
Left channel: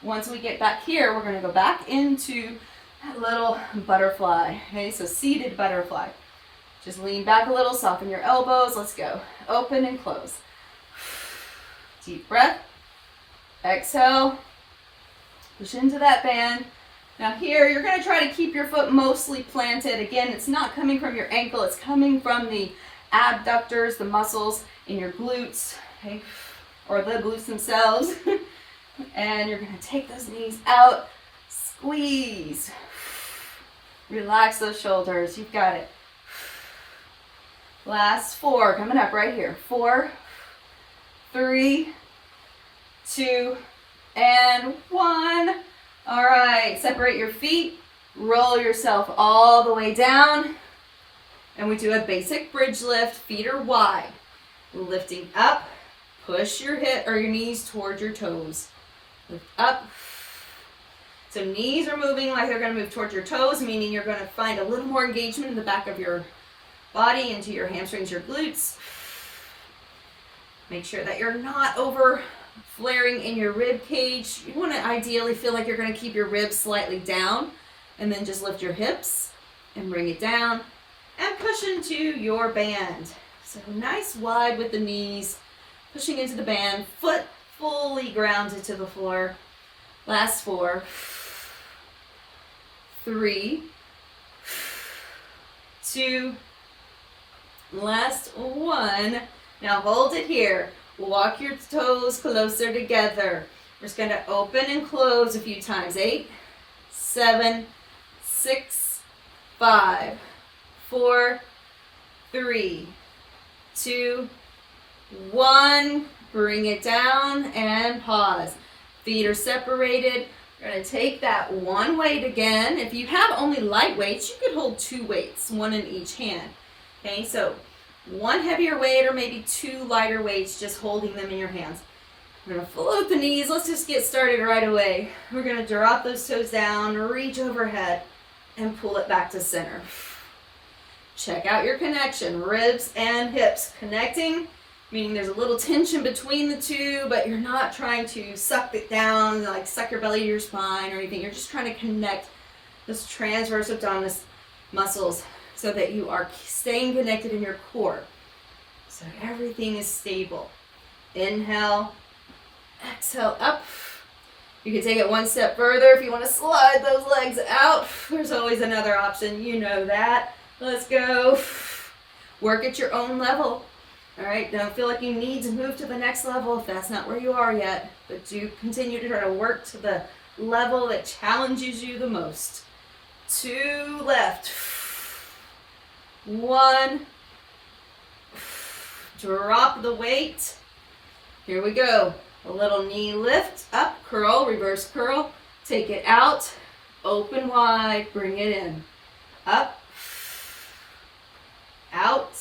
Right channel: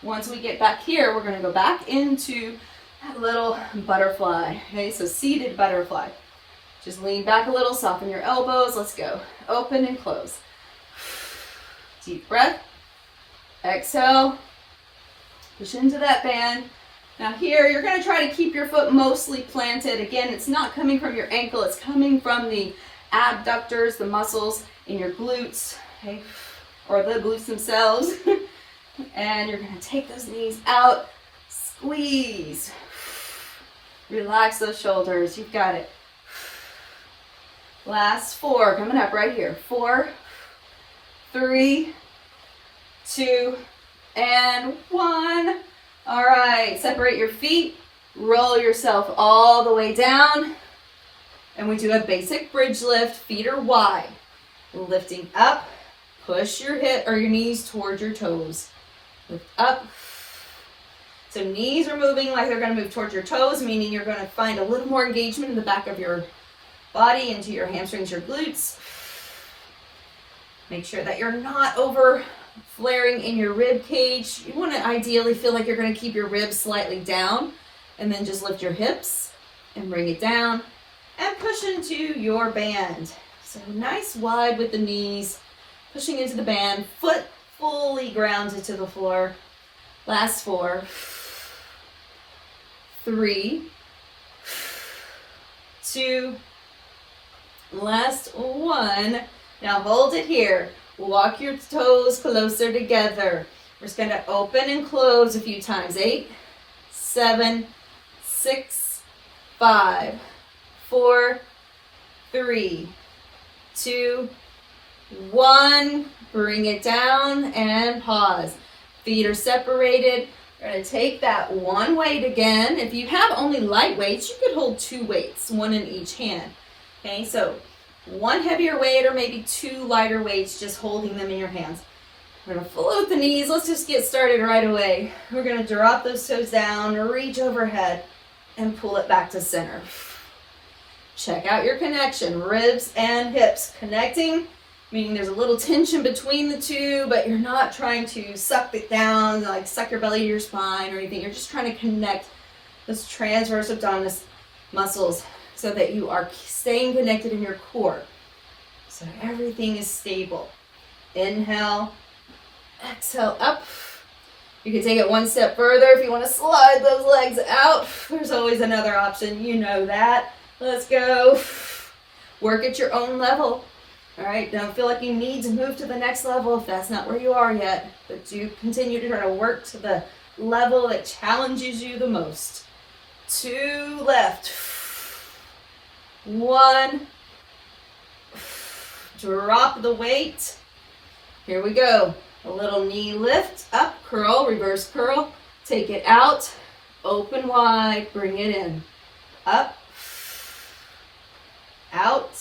Once we get back here, we're going to go back into that little butterfly. Okay, so seated butterfly. Just lean back a little, soften your elbows. Let's go. Open and close. Deep breath. Exhale. Push into that band. Now here, you're going to try to keep your foot mostly planted. Again, it's not coming from your ankle. It's coming from the abductors, the muscles in your glutes, okay, or the glutes themselves. And you're going to take those knees out, squeeze. Relax those shoulders. You've got it. Last 4, coming up right here. 4, 3, 2, and 1. All right, separate your feet, roll yourself all the way down, and we do a basic bridge lift. Feet are wide. Lifting up, push your hip or your knees towards your toes. Lift up. So knees are moving like they're going to move towards your toes, meaning you're going to find a little more engagement in the back of your body, into your hamstrings, your glutes. Make sure that you're not over flaring in your rib cage. You want to ideally feel like you're going to keep your ribs slightly down, and then just lift your hips and bring it down and push into your band. So nice wide with the knees, pushing into the band, foot fully grounded to the floor. Last 4, 3, 2, last 1. Now hold it here. Walk your toes closer together. We're just going to open and close a few times. 8, 7, 6, 5, 4, 3, 2, 1. Bring it down and pause. Feet are separated. We're going to take that one weight again. If you have only light weights, you could hold 2 weights, 1 in each hand. Okay, so 1 heavier weight or maybe 2 lighter weights, just holding them in your hands. We're going to float the knees. Let's just get started right away. We're going to drop those toes down, reach overhead, and pull it back to center. Check out your connection, ribs and hips connecting, meaning there's a little tension between the two, but you're not trying to suck it down, like suck your belly to your spine or anything. You're just trying to connect those transverse abdominis muscles so that you are staying connected in your core. So everything is stable. Inhale, exhale up. You can take it one step further if you want to slide those legs out. There's always another option, you know that. Let's go. Work at your own level. All right, don't feel like you need to move to the next level if that's not where you are yet, but do continue to try to work to the level that challenges you the most. 2 left. 1. Drop the weight. Here we go. A little knee lift, up, curl, reverse curl. Take it out, open wide, bring it in. Up, out,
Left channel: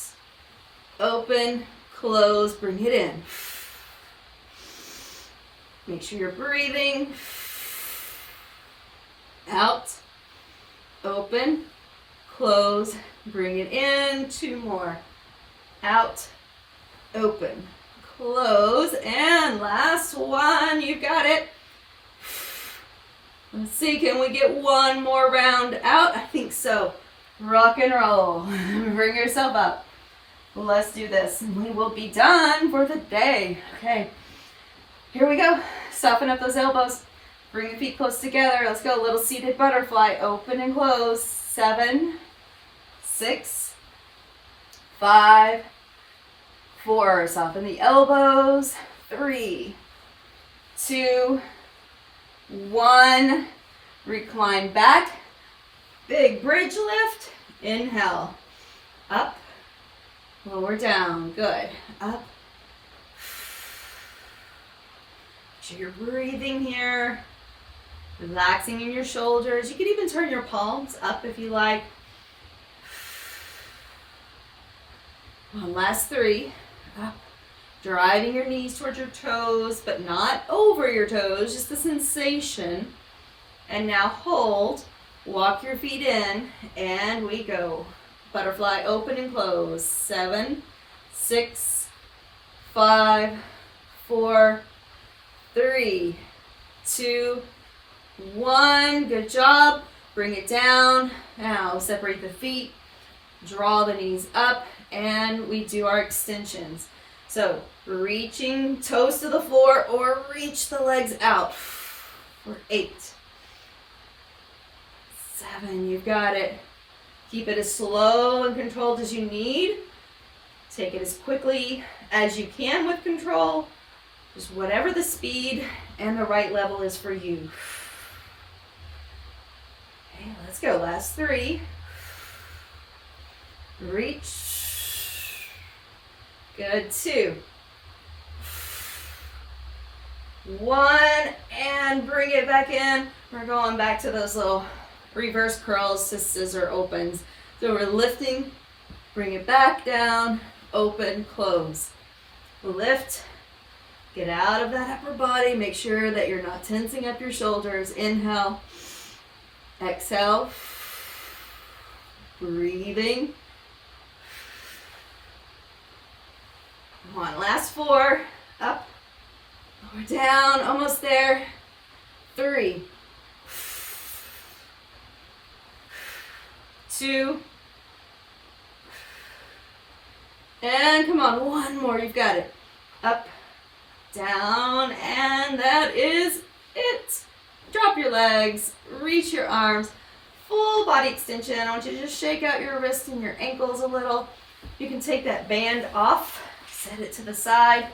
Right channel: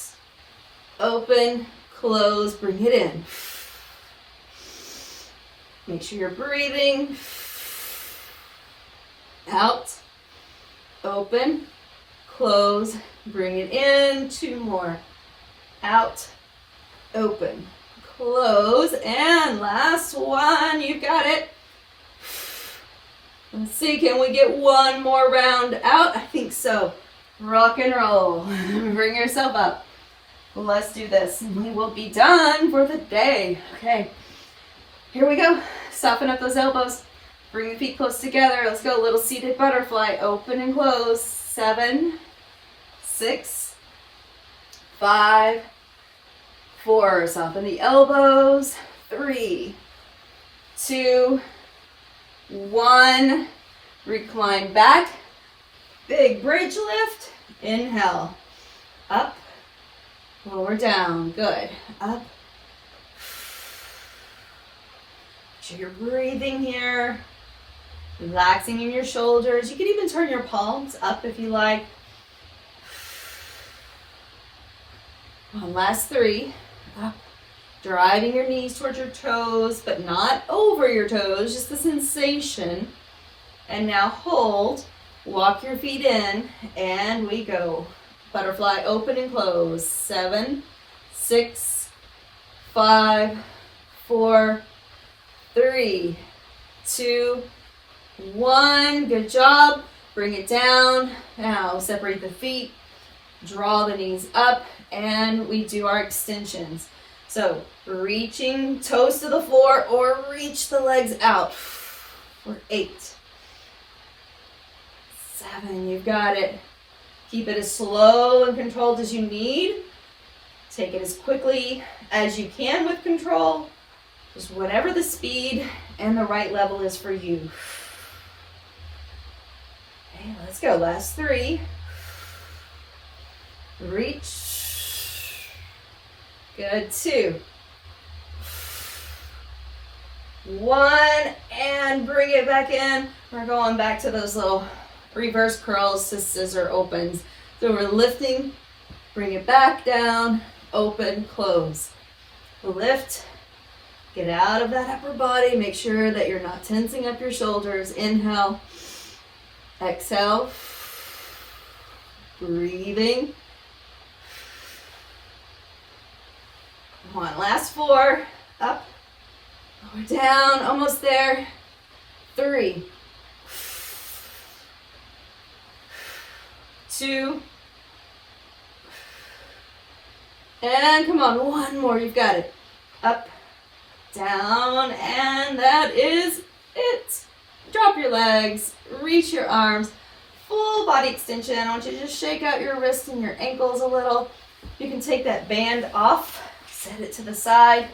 open, close, bring it in. Make sure you're breathing. Out, open, close, bring it in. 2 more. Out, open, close, and last one. You got it. Let's see, can we get one more round out? I think so. Rock and roll. Bring yourself up. Let's do this, and we will be done for the day. Okay, here we go. Soften up those elbows. Bring your feet close together. Let's go. A little seated butterfly. Open and close. 7, 6, 5, 4. Soften the elbows. 3, 2, 1. Recline back. Big bridge lift. Inhale. Up. Lower down. Good. Up. So you're breathing here. Relaxing in your shoulders. You can even turn your palms up if you like. One last 3. Up. Driving your knees towards your toes, but not over your toes, just the sensation. And now hold. Walk your feet in, and we go. Butterfly, open and close. 7, 6, 5, 4, 3, 2, 1. Good job. Bring it down. Now separate the feet. Draw the knees up, and we do our extensions. So reaching toes to the floor or reach the legs out for 8, 7. You've got it. Keep it as slow and controlled as you need. Take it as quickly as you can with control. Just whatever the speed and the right level is for you. Okay, let's go. Last 3. Reach. Good. 2, 1, and bring it back in. We're going back to those little reverse curls to scissor opens. So we're lifting, bring it back down, open, close. Lift, get out of that upper body. Make sure that you're not tensing up your shoulders. Inhale, exhale, breathing. One, last 4, up, lower down, almost there. 3, 2, and come on, 1 more. You've got it. Up, down, and that is it. Drop your legs, reach your arms, full body extension. I want you to just shake out your wrists and your ankles a little. You can take that band off, set it to the side,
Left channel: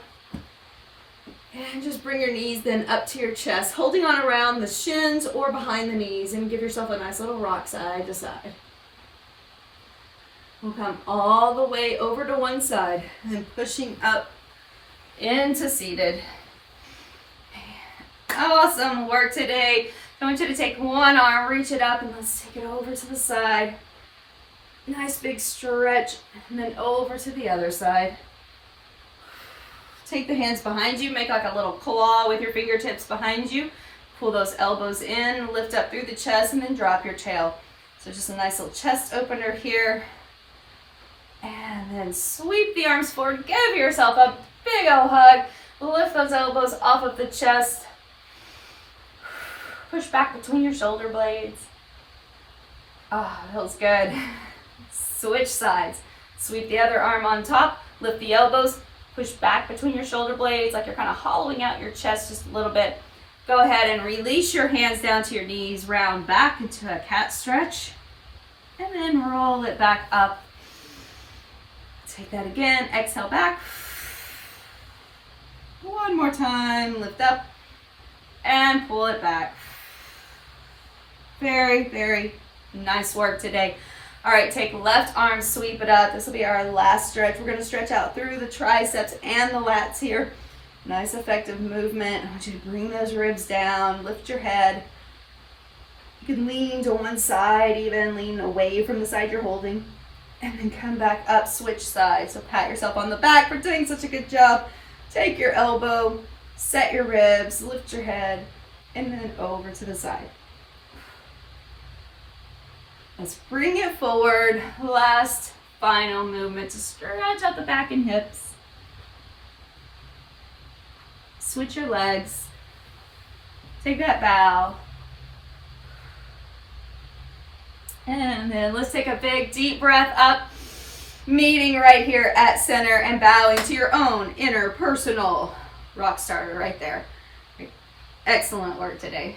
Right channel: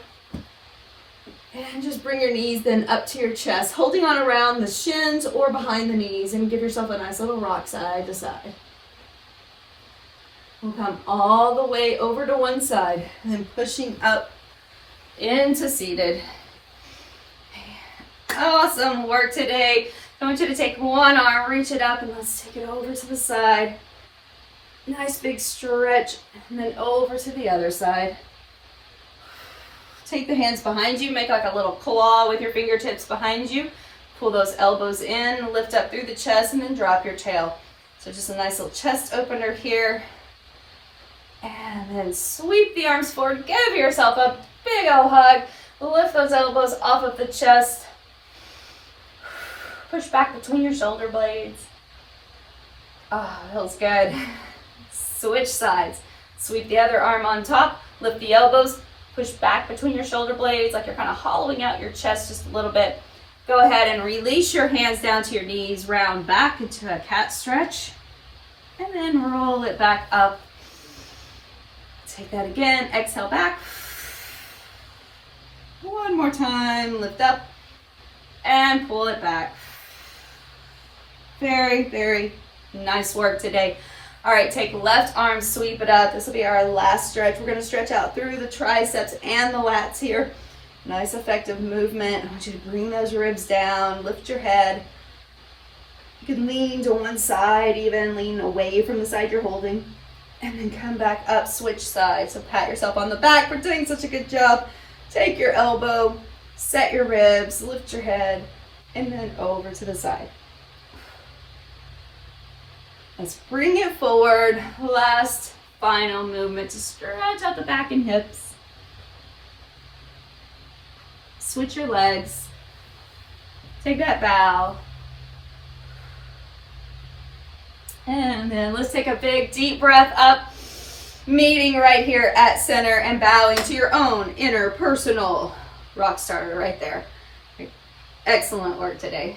and just bring your knees then up to your chest, holding on around the shins or behind the knees, and give yourself a nice little rock side to side. We'll come all the way over to one side and pushing up into seated. Awesome work today. I want you to take one arm, reach it up, and let's take it over to the side. Nice big stretch, and then over to the other side. Take the hands behind you, make like a little claw with your fingertips behind you. Pull those elbows in, lift up through the chest, and then drop your tail. So just a nice little chest opener here. And then sweep the arms forward, give yourself a big old hug. Lift those elbows off of the chest. Push back between your shoulder blades. Oh, feels good. Switch sides. Sweep the other arm on top, lift the elbows, push back between your shoulder blades like you're kind of hollowing out your chest just a little bit. Go ahead and release your hands down to your knees, round back into a cat stretch, and then roll it back up. Take that again, exhale back. One more time, lift up and pull it back. Very, very nice work today. All right, take left arm, sweep it up. This will be our last stretch. We're gonna stretch out through the triceps and the lats here. Nice effective movement. I want you to bring those ribs down, lift your head. You can lean to one side, even lean away from the side you're holding, and then come back up, switch sides. So pat yourself on the back for doing such a good job. Take your elbow, set your ribs, lift your head, and then over to the side. Let's bring it forward. Last final movement to stretch out the back and hips. Switch your legs. Take that bow. And then let's take a big deep breath up, meeting right here at center and bowing to your own inner personal rock starter right there. Excellent work today.